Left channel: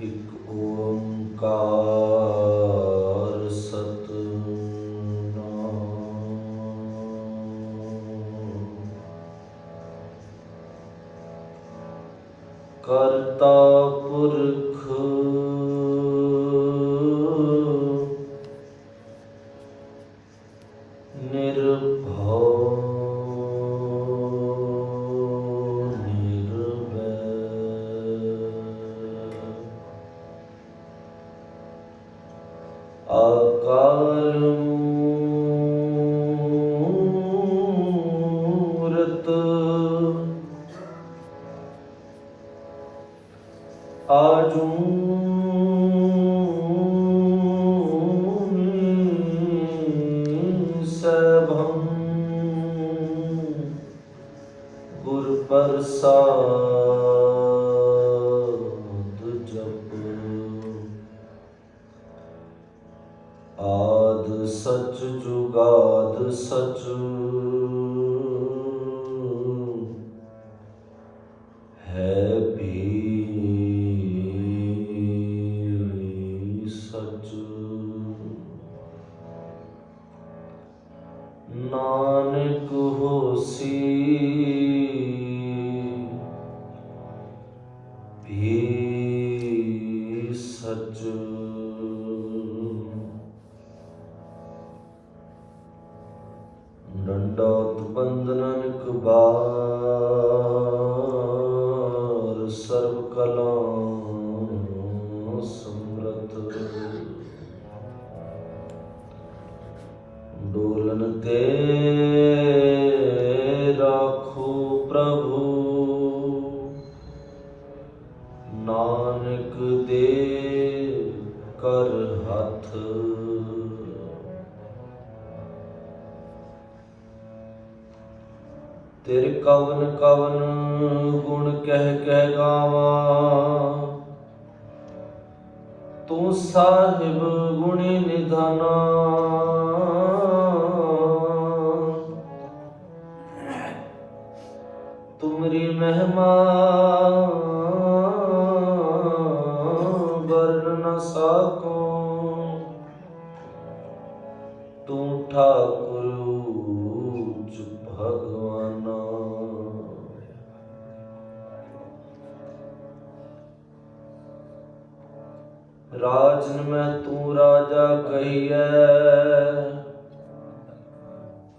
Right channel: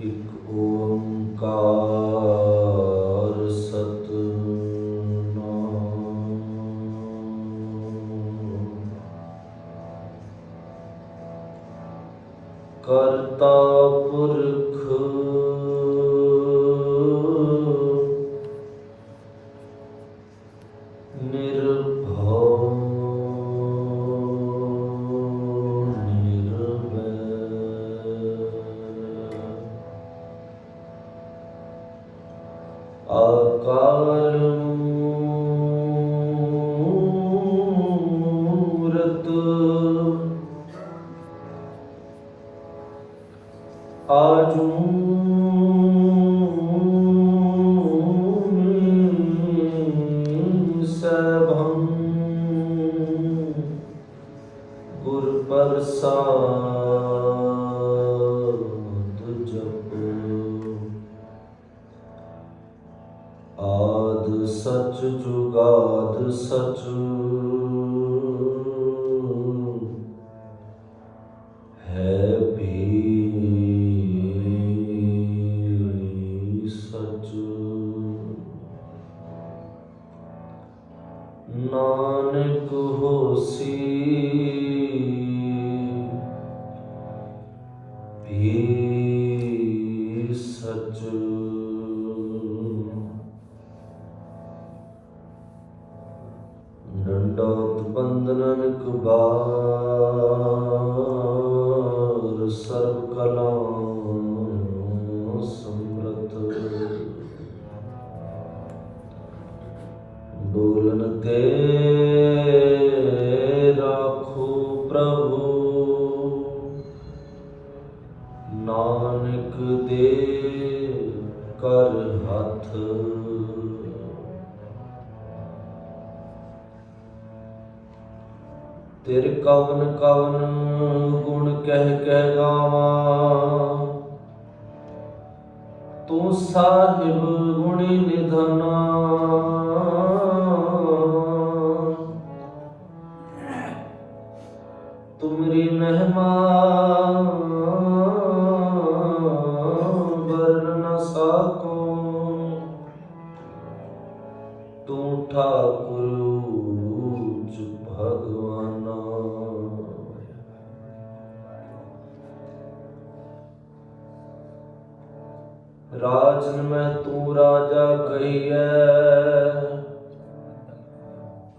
ਇੱਕ ਓੰਕਾਰ ਸਤਿਨਾਮ। ਕਰਤਾ ਪੁਰਖ ਨਿਰਭਉ ਅਕਾਲ ਮੂਰਤ ਆਜੂਨੀ ਸਭੰ ਗੁਰ ਪ੍ਰਸਾਦ ਜਪੋ। ਆਦ ਸਚ ਜੁਗਾਦ ਸਚ ਹੈ ਵੀ ਸਚ। ਨਾਨਕ ਹੋਸੀ ਵੀ ਸਚ। ਡੰਡੋਤ ਬੰਧਨ ਕਬਾਰ ਸਰਬ ਕਲਾ ਸਮਰਤ। ਡੋਲਨ ਤੇ ਰਾਖੋ ਪ੍ਰਭੂ ਨਾਨਕ ਦੇ ਕਰ ਹੱਥ। ਤੇਰੇ ਕਵਨ ਕਵਨ ਗੁਣ ਕਹਿ ਕਹਿ ਗਾਵਾਂ। ਤੂੰ ਸਾਹਿਬ ਗੁਣੀ ਨਿਧਨ। ਤੁਮਰੀ ਮਹਿਮਾ ਵਰਨ ਨ ਸਾਕੋ। ਤੂੰ ਠਾਕੁਰ ਭਗਵਾਨਾ। ਰਾਜਨ ਮੈਂ ਤੂੰ ਰਾਜਾ ਕਹੀਐ।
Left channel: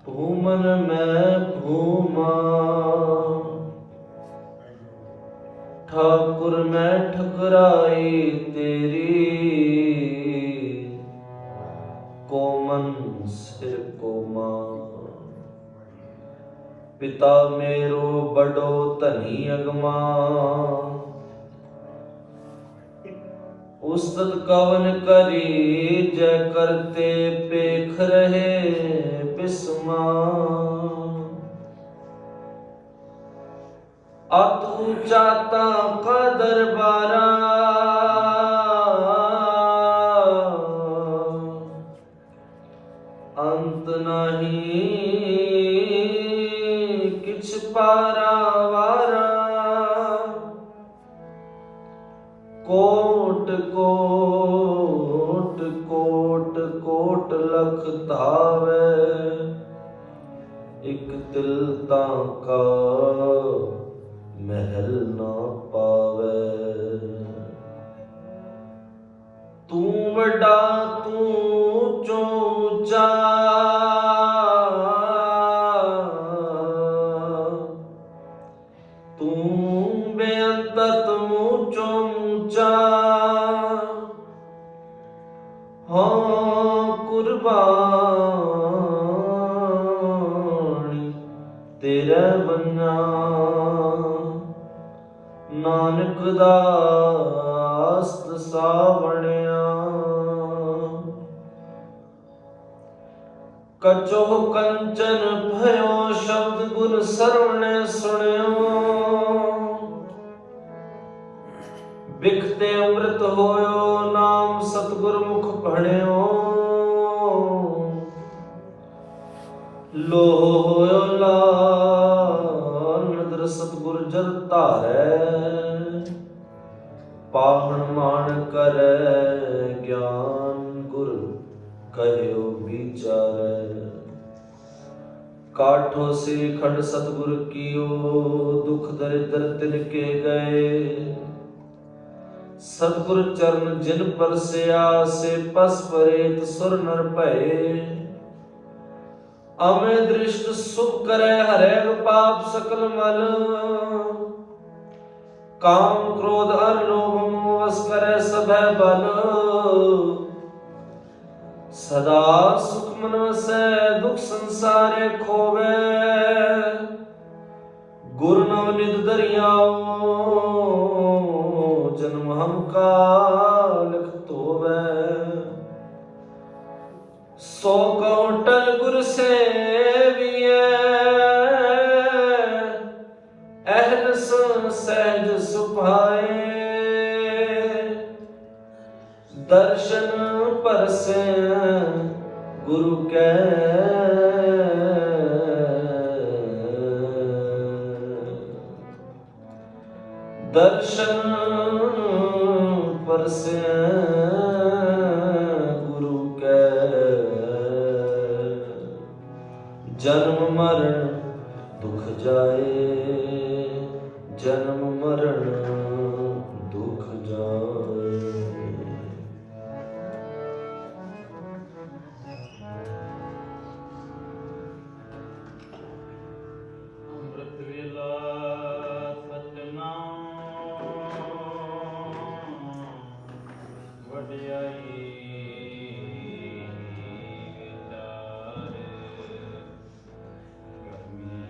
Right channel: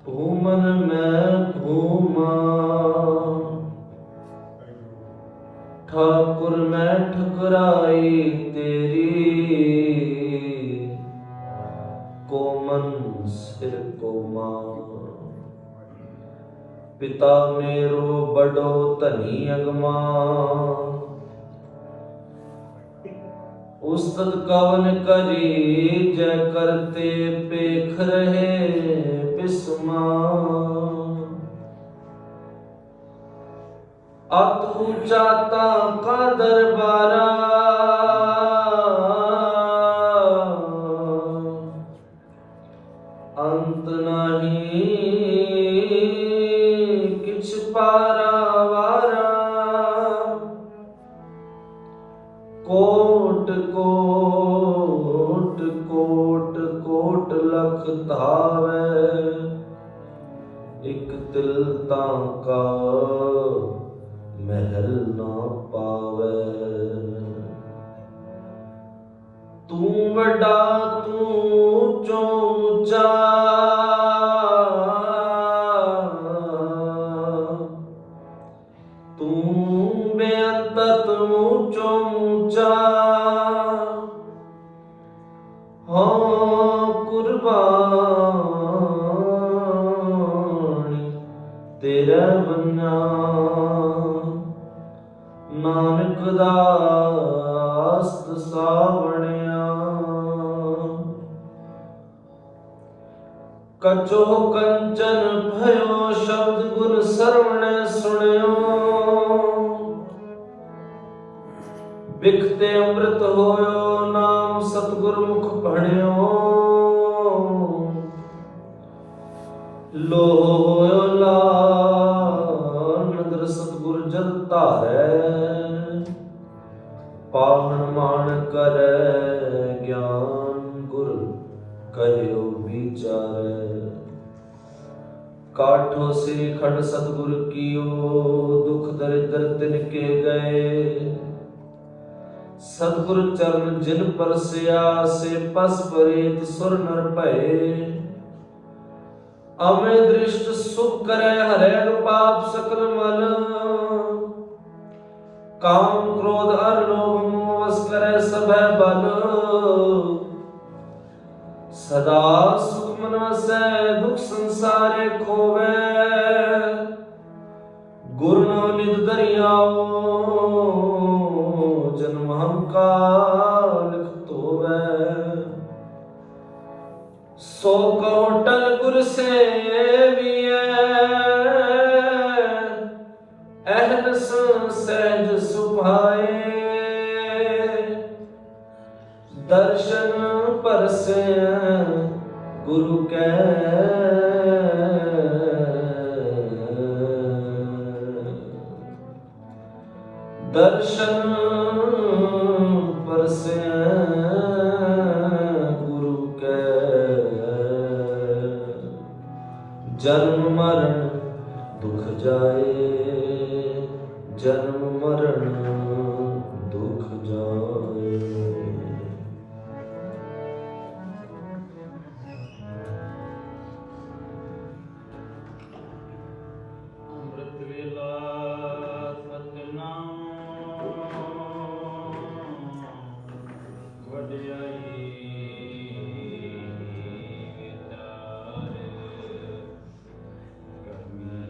ਭੂਮਨ ਮੈਂ ਭੂਮਾ। ਠਾਕੁਰ ਮੈਂ ਠਕਰਾਈ ਤੇਰੀ। ਕੋਮਨ ਸਿਰ ਕੋਮਾ। ਪਿਤਾ ਮੇਰੋ ਬੜੋ ਧਨੀ ਅਗਮਾ। ਉਸਤਤ ਕਵਨ ਕਰੀ ਜੈ ਕਰਤੇ ਪੇਖ ਰਹੇ ਬਿਸਮਾ। ਅਤ ਊਚਾ ਤਾ ਕਾ ਦਰਬਾਰਾ। ਅੰਤ ਨਹੀਂ ਕਿਛ ਪਾਰਾਵਾਰਾ। ਕੋਟ ਕੋਟ ਕੋਟ ਕੋਟ ਲਖ ਧਾਵੈ। ਇਕ ਤਿਲ ਤਾਂ ਕਾ ਮਹਿਲ ਨਾ ਪਾਵੈ। ਤੂੰ ਵੱਡਾ ਤੂੰ ਊਚੋ ਊਚਾ। ਤੂੰ ਬੇਅੰਤ ਊਚੋ ਊਚਾ। ਹਾਂ ਕੁਰਬਾਨੀ ਤੇਰਾ ਬੰਨਾ। ਨਾਨਕ ਦਾਸਤ ਸਾਵਣਿਆ। ਕਚੋ ਕੰਚਨ ਭਇਓ ਸ਼ਬਦ ਗੁਰ ਸਰਵਣ ਸੁਣਿਓ। ਬਿਖਤੇ ਅੰਮ੍ਰਿਤ ਹੋਇਓ ਨਾਮ ਸਤਿਗੁਰ ਮੁਖ ਭਣਿਓ। ਲੋ ਹੋਇਓ ਲਾਲ ਸਤਿਗੁਰ ਜਲ ਧਾਰੈ। ਪਾਵਨ ਮਾਨਕ ਕਰੈ ਗਿਆਨ ਗੁਰ ਕਹਿਓ ਵਿਚਾਰੈ। ਕਾਠੋ ਸ੍ਰੀ ਖੰਡ ਸਤਿਗੁਰ ਕੀਓ ਦੁਖ ਦਰਿਦਰ ਤਿਨ ਕੇ ਗਏ। ਸਤਿਗੁਰ ਚਰਨ ਜਿਨ ਪਰਸਿਆ ਸੇ ਪਸ ਪਰੇਤ ਸੁਰ ਨਰ ਭਏ। ਅਮੇ ਦ੍ਰਿਸ਼ਟ ਸੁਭ ਕਰੈ ਹਰੈ ਪਾਪ ਸਕਲ ਮਲ। ਕਾਮ ਕ੍ਰੋਧ ਅਰ ਲੋਭ ਮੋਹ ਵਸ ਕਰੈ ਸਭੈ ਬਲ। ਸਦਾ ਸੁਖ ਮਨ ਵਸੈ ਦੁਖ ਸੰਸਾਰੇ ਖੋਵੈ। ਗੁਰ ਨਾਮ ਨਿਤ ਦਰਿਆਓ ਜਨਮ ਹੰਕਾਰ ਲਖ ਧੋਵੈ। ਸੋ ਕਉ ਟਲ ਗੁਰ ਸੇਵੀਐ ਅਹਨਸ ਸਹਿਜ ਸੁਭਾਏ। ਦਰਸ਼ਨ ਪਰਸੈ ਗੁਰੂ ਕੈ ਦਰਸ਼ਨ ਪਰਸੈ ਗੁਰੂ ਕੈ। ਜਨਮ ਮਰਨ ਦੁਖ ਜਾਏ ਜਨਮ ਮਰਨ ਦੁਖ ਜਾਏ। ਅੰਮ੍ਰਿਤ ਵੇਲਾ ਸਤਿਨਾਮ ਵਡਿਆਈ ਵਿਚਾਰੇ। ਗਰਮੀ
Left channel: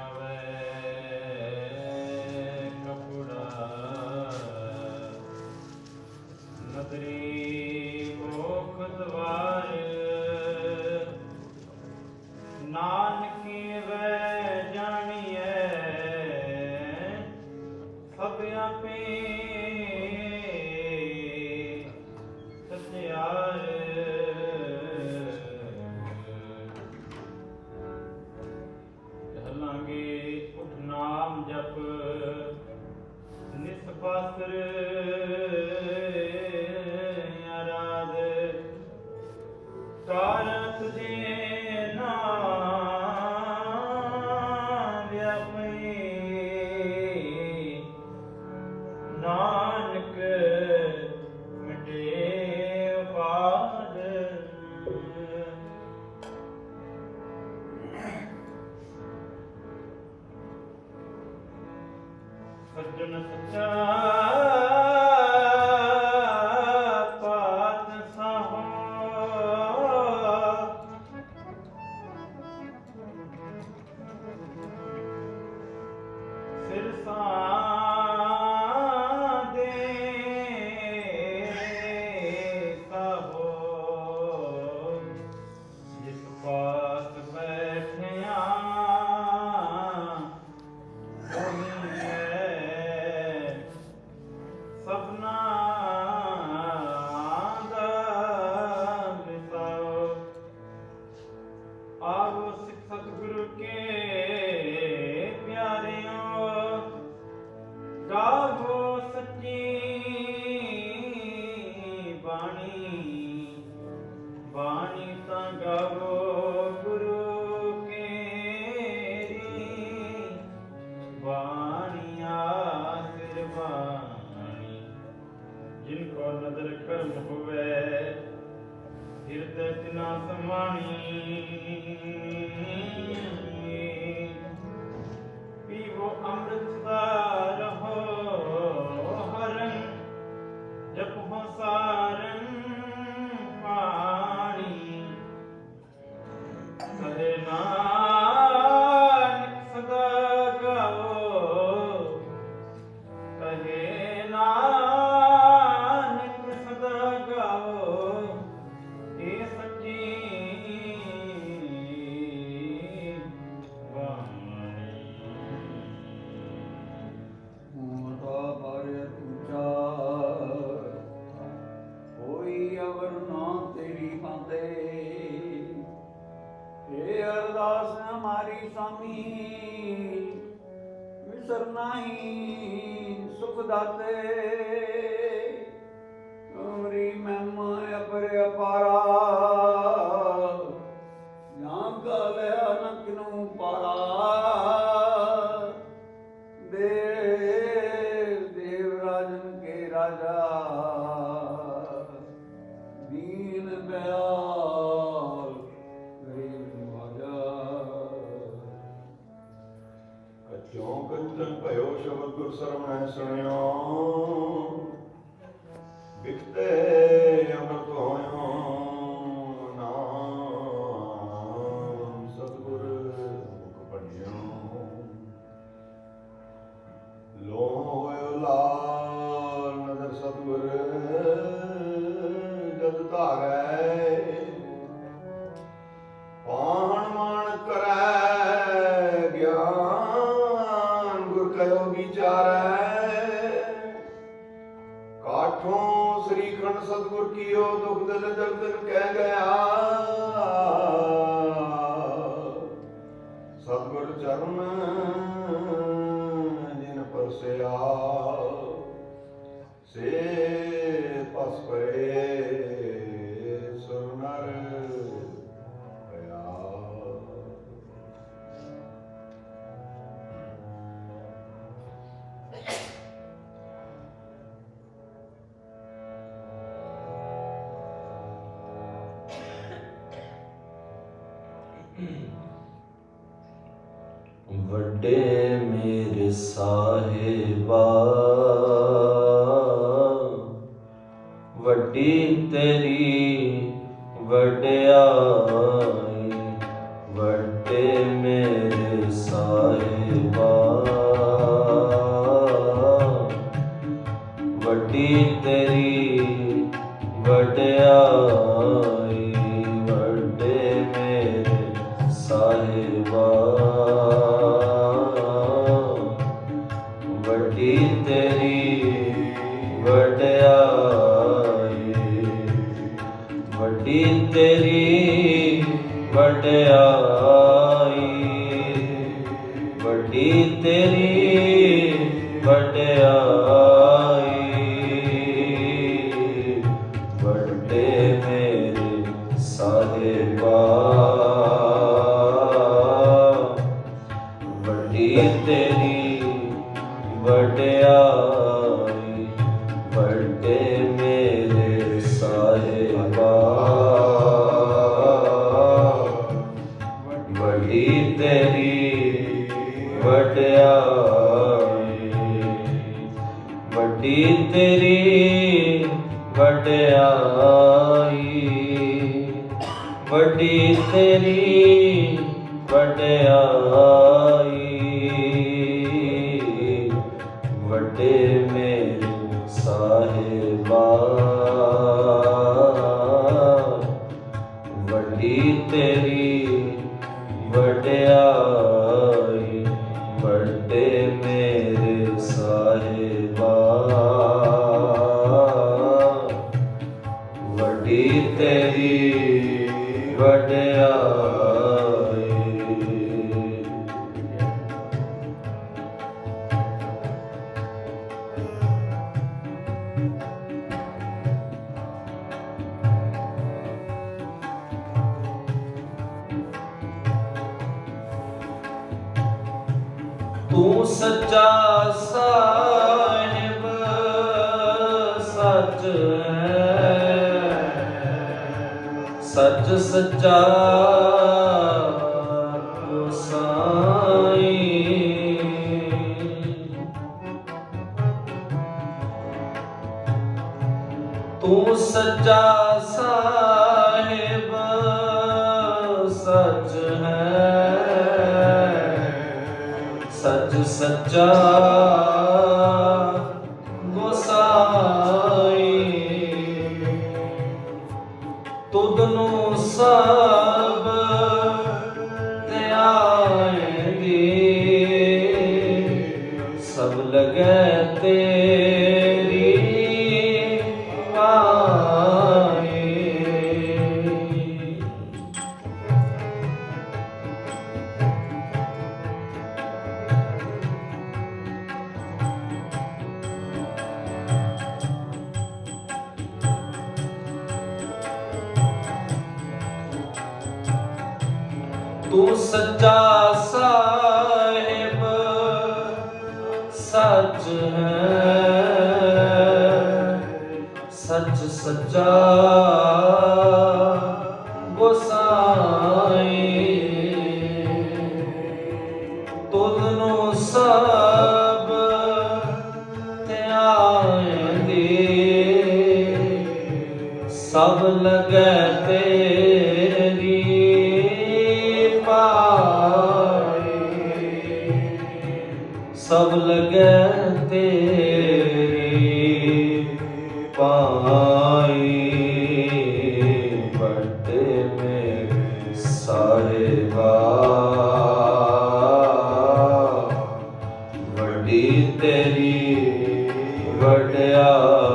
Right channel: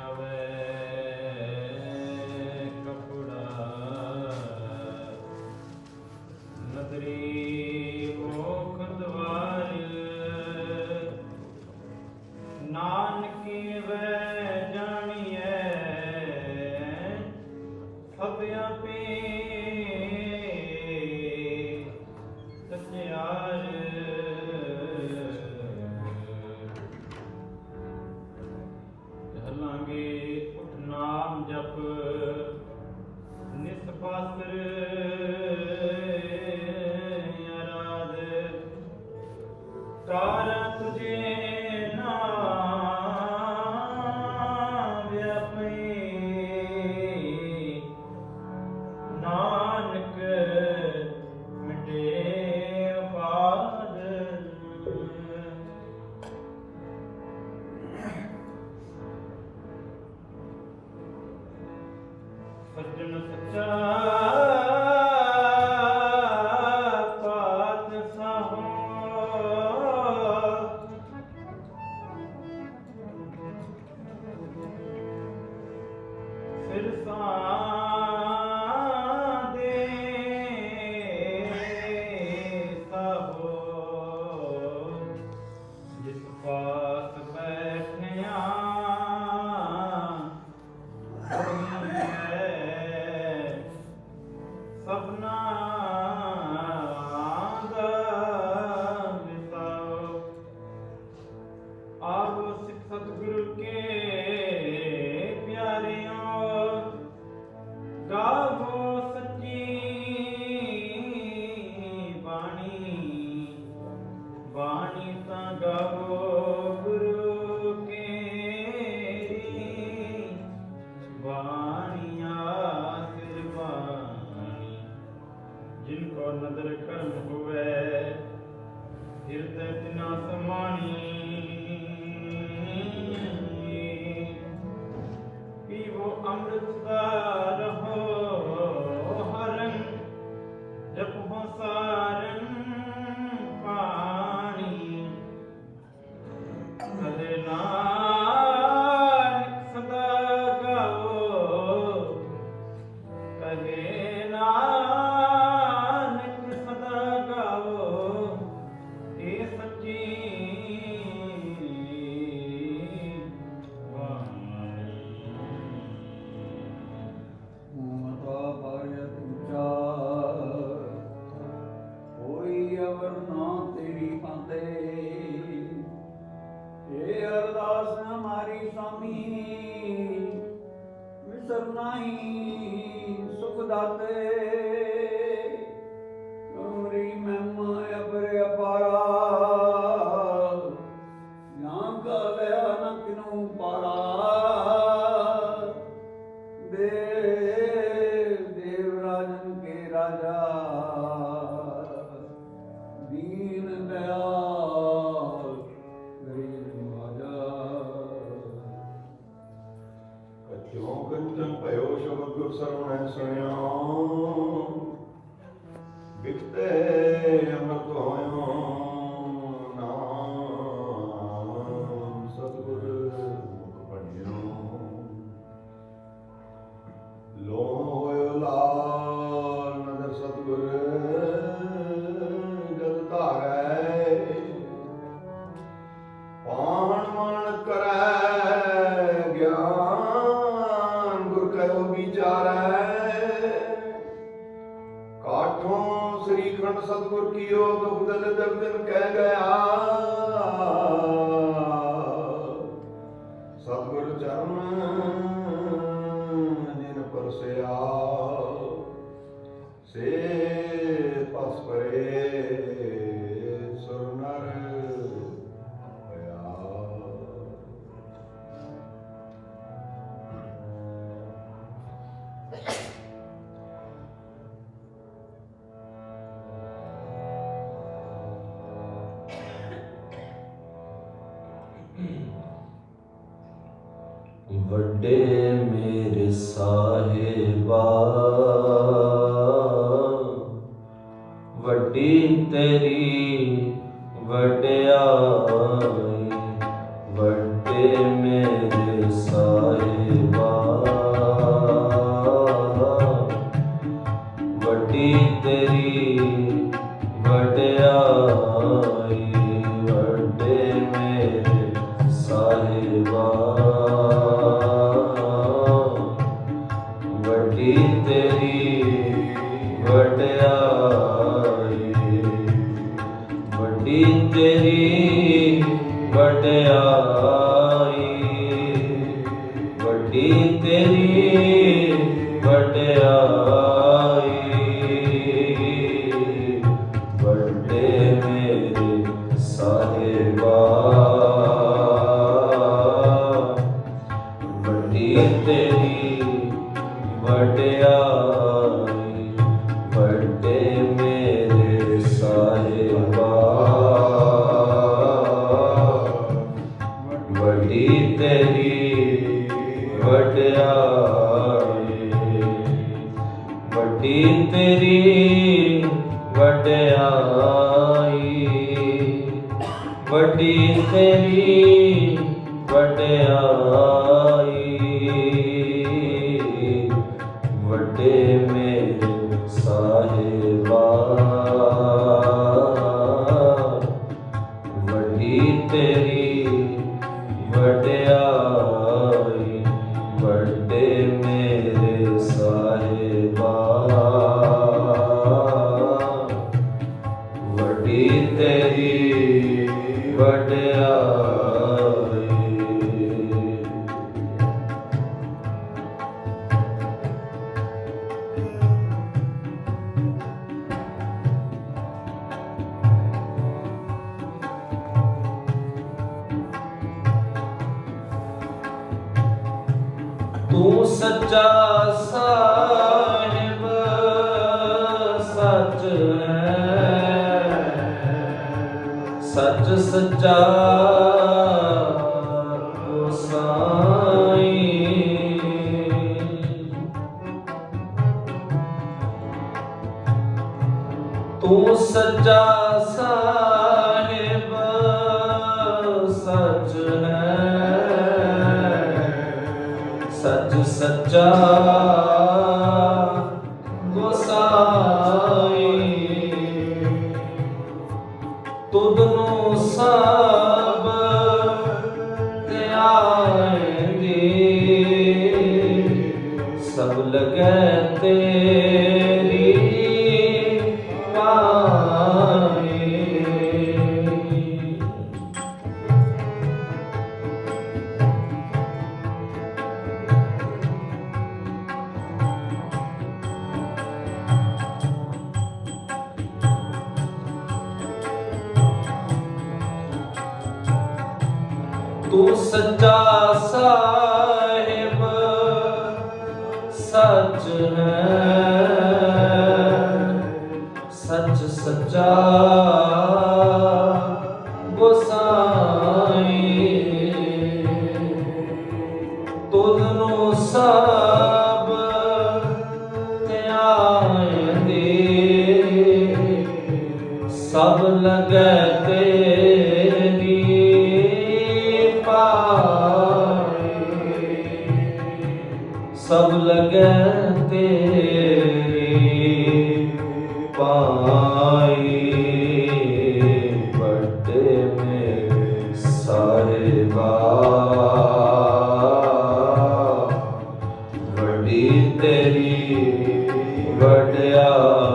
ਆਵੇ ਕਪੜਾ ਨਦਰੀ ਭੋਖ ਦਵਾਰ। ਨਾਨਕੀ ਵੈ ਜਾਣੀਐ ਸਭ ਆਪੇ ਸਚਿਆਰ। ਹਲਾਂਗੇ ਉਠ ਨਾਮ ਜਪ ਨਿਸਪਾਸਰ ਅਰਾਧ। ਕਾਰਨ ਤੁਝੇ ਨਾਨਕ ਮਿਟੇ ਬਾਦ। ਸੱਜਣ ਸੱਚਾ ਪਾਤ ਸਾਹੋ। ਸਿਰ ਸਤਿਗੁਰੂ ਕੇ ਪਿਆਰਿਓ ਗਾਵੋ ਸੱਚੀ ਬਾਣੀ। ਬਾਣੀ ਤਾਂ ਗਾਵੋ ਗੁਰੂ ਕੇਰੀ। ਬਾਣੀਆ ਸਿਰ ਬਾਣੀ ਜਿਨ ਕੋ ਨਦਰ ਕਰਮ ਹੋਵੇ ਹਿਰਦੈ ਤਿਨਾ ਸਮਾਣੀ। ਪੀਵੋ ਅੰਮ੍ਰਿਤ ਦਾ ਰਹੋ ਹਰਨ ਜਪੋ ਸਾਰਨ ਪਾਣੀ। ਕਹੇ ਨਾਨਕ ਸਦਾ ਗਾਓ ਕਹੇ ਨਾਨਕ ਸਦਾ ਗਾਓ। ਇਹ ਸੱਚੀ हमारी स्वामी विसर नहीं सुख दाते। ਵੱਡੇ ਮੇਰੇ ਸਾਹਿਬਾ, ਵੱਡੀ ਤੇਰੀ ਵਡਿਆਈ। ਵੱਡੇ ਮੇਰੇ ਸਾਹਿਬਾ, ਵੱਡੀ ਤੇਰੀ ਵਡਿਆਈ। ਵੱਡੇ ਮੇਰੇ ਸਾਹਿਬਾ, ਵੱਡੀ ਤੇਰੀ ਵਡਿਆਈ। ਵੱਡੀ ਤੇਰੀ ਵਡਿਆਈ। ਵੱਡੀ ਤੇਰੀ ਵਡਿਆਈ। ਵੱਡੇ ਮੇਰੇ ਸਾਹਿਬਾ, ਵੱਡੀ ਤੇਰੀ ਵਡਿਆਈ। ਵੱਡੇ ਮੇਰੇ ਸਾਹਿਬਾ, ਵੱਡੀ ਤੇਰੀ ਵਡਿਆਈ। ਵੱਡੀ ਤੇਰੀ ਵਡਿਆਈ। ਵੱਡੀ ਤੇਰੀ ਵਡਿਆਈ। ਵੱਡੇ ਮੇਰੇ ਸਾਹਿਬਾ, ਵੱਡੀ ਤੇਰੀ ਵਡਿਆਈ। ਵੱਡੇ ਮੇਰੇ ਸਾਹਿਬਾ, ਵੱਡੀ ਤੇਰੀ ਵਡਿਆਈ। ਤੂੰ ਸੱਚਾ ਸਾਹਿਬ ਸੱਚ ਹੈ, ਸੱਚ ਸੱਚਾ ਸਾਈਂ। ਤੂੰ ਸੱਚਾ ਸਾਹਿਬ ਸੱਚ ਹੈ, ਸੱਚ ਸੱਚਾ ਗੋਸਾਈ। ਤੁਧ ਨੂੰ ਸਭ ਧਿਆਏਂਗੇ, ਸਭ ਲਗੈ ਤੇਰੀ ਵਾਹੀ। ਤੂੰ ਸੱਚਾ ਸਾਹਿਬ ਸੱਚ ਹੈ, ਸੱਚ ਸੱਚਾ ਗੋਸਾਈ। ਤੁਧ ਨੂੰ ਸਭ ਧਿਆਏਂਗੇ, ਸਭ ਲਗੈ ਤੇਰੀ ਸਭ ਲਗੈ ਤੇਰੀ ਪਾਈ। ਵੱਡੇ ਮੇਰੇ ਸਾਹਿਬਾ, ਵੱਡੀ ਤੇਰੀ ਵਡਿਆਈ।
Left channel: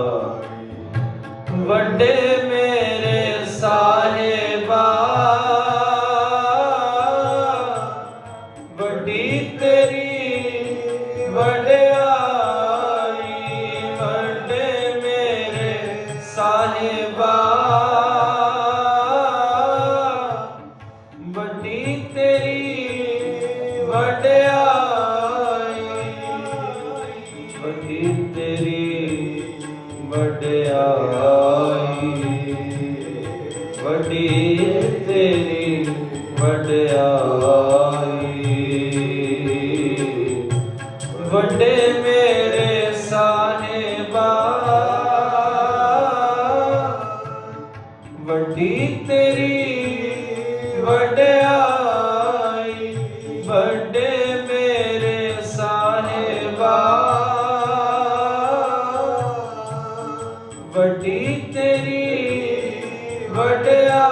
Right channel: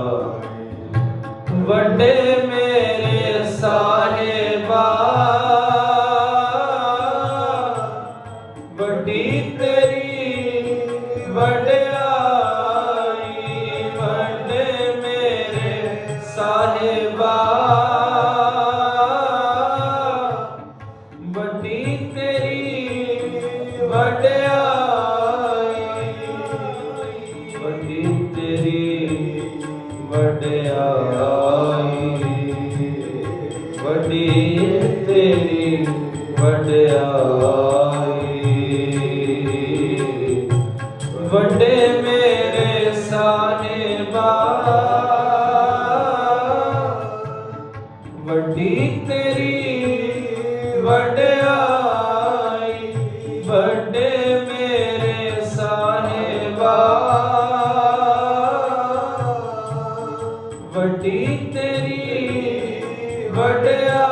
ਵੱਡੇ ਮੇਰੇ ਸਾਹਿਬਾ, ਵੱਡੀ ਤੇਰੀ ਵਡਿਆਈ। ਵੱਡੇ ਮੇਰੇ ਸਾਹਿਬਾ, ਵੱਡੀ ਤੇਰੀ ਵਡਿਆਈ। ਵੱਡੀ ਤੇਰੀ ਵਡਿਆਈ। ਵੱਡੀ ਤੇਰੀ ਵੱਡੇ ਮੇਰੇ ਸਾਹਿਬਾ, ਵੱਡੀ ਤੇਰੀ ਵਡਿਆਈ, ਵੱਡੇ ਮੇਰੇ ਸਾਹਿਬਾ, ਵੱਡੀ ਤੇਰੀ ਵਡਿਆਈ।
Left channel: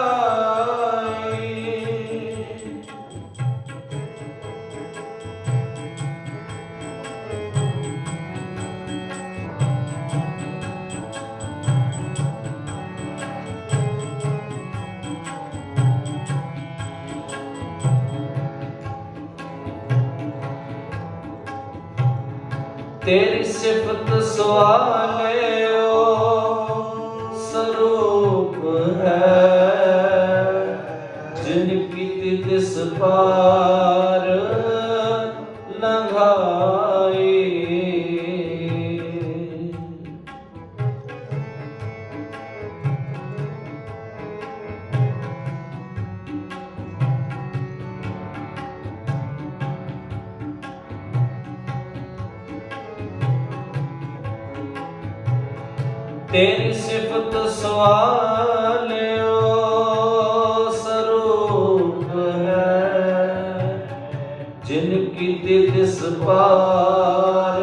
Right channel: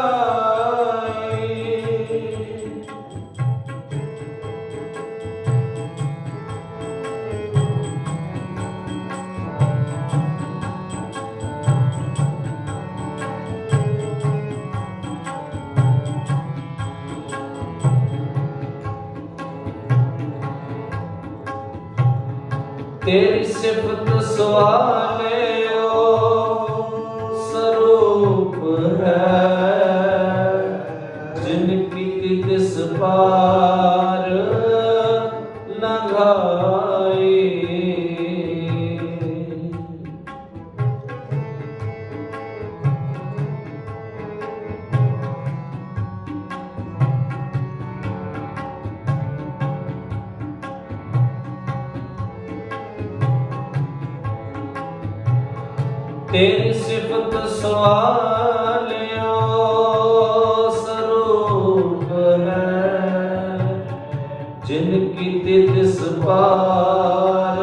तेरी सिफत सवालियो स्वरूप है, जिनकी तिस पार लंघाई। तेरी सिफत सवालियो स्वरूप है, जिनकी तिस पार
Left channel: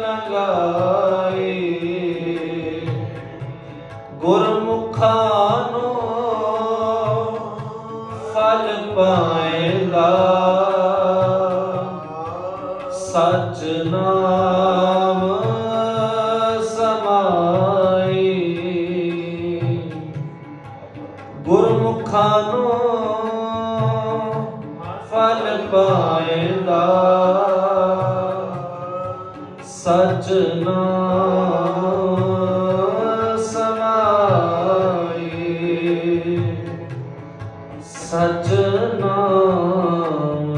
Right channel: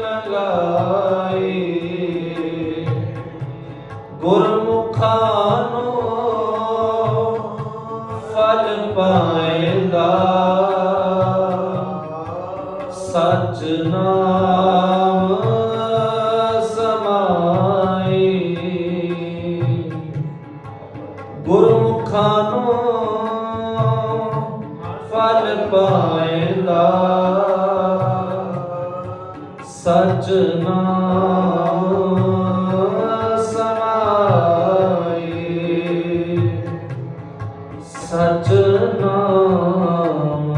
लगाई। गुरमुखानो फल पाएगा, सच नाम गुरमुखानो फल पाएगा, सच नाम समाए, सच नाम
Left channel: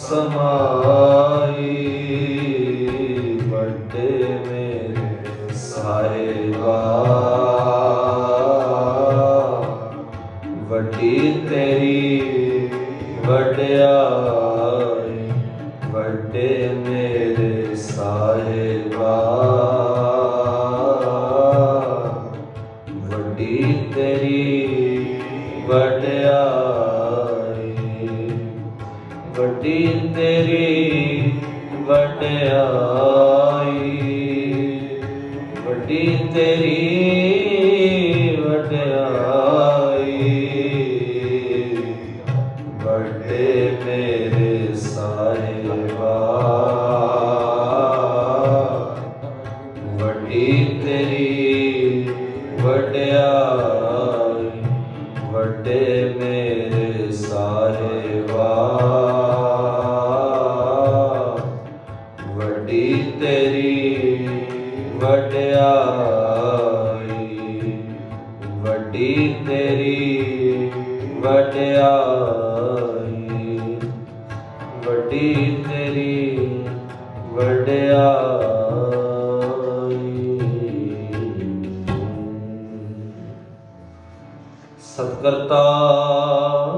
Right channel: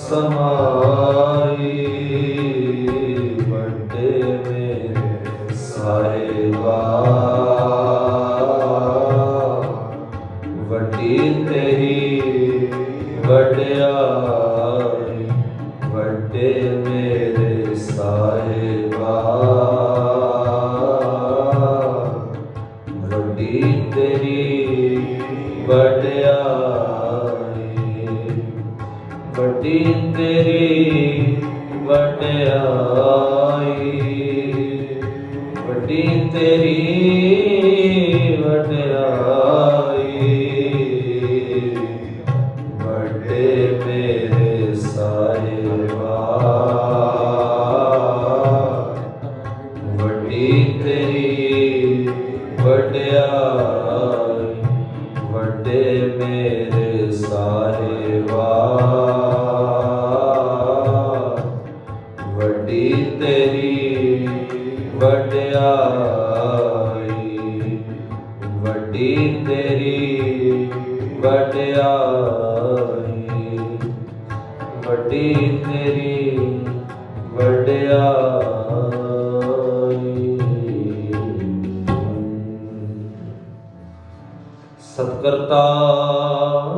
समाए। बड़े मेरे साहिबा, ਵੱਡੀ ਤੇਰੀ ਵਡਿਆਈ, ਵੱਡੇ ਮੇਰੇ ਸਾਹਿਬਾ, ਵੱਡੀ ਤੇਰੀ ਵਡਿਆਈ, ਵੱਡੀ ਤੇਰੀ ਵਡਿਆਈ, ਵੱਡੀ ਤੇਰੀ ਵਡਿਆਈ। ਵੱਡੇ ਮੇਰੇ ਸਾਹਿਬਾ, ਵੱਡੀ ਤੇਰੀ ਵਡਿਆਈ, ਵੱਡੇ ਮੇਰੇ ਸਾਹਿਬਾ, ਵੱਡੀ ਤੇਰੀ ਵਡਿਆਈ, ਵੱਡੀ ਤੇਰੀ ਵਡਿਆਈ, ਵੱਡੀ ਤੇਰੀ ਵਡਿਆਈ। ਸਤਿਕਰਤਾਰ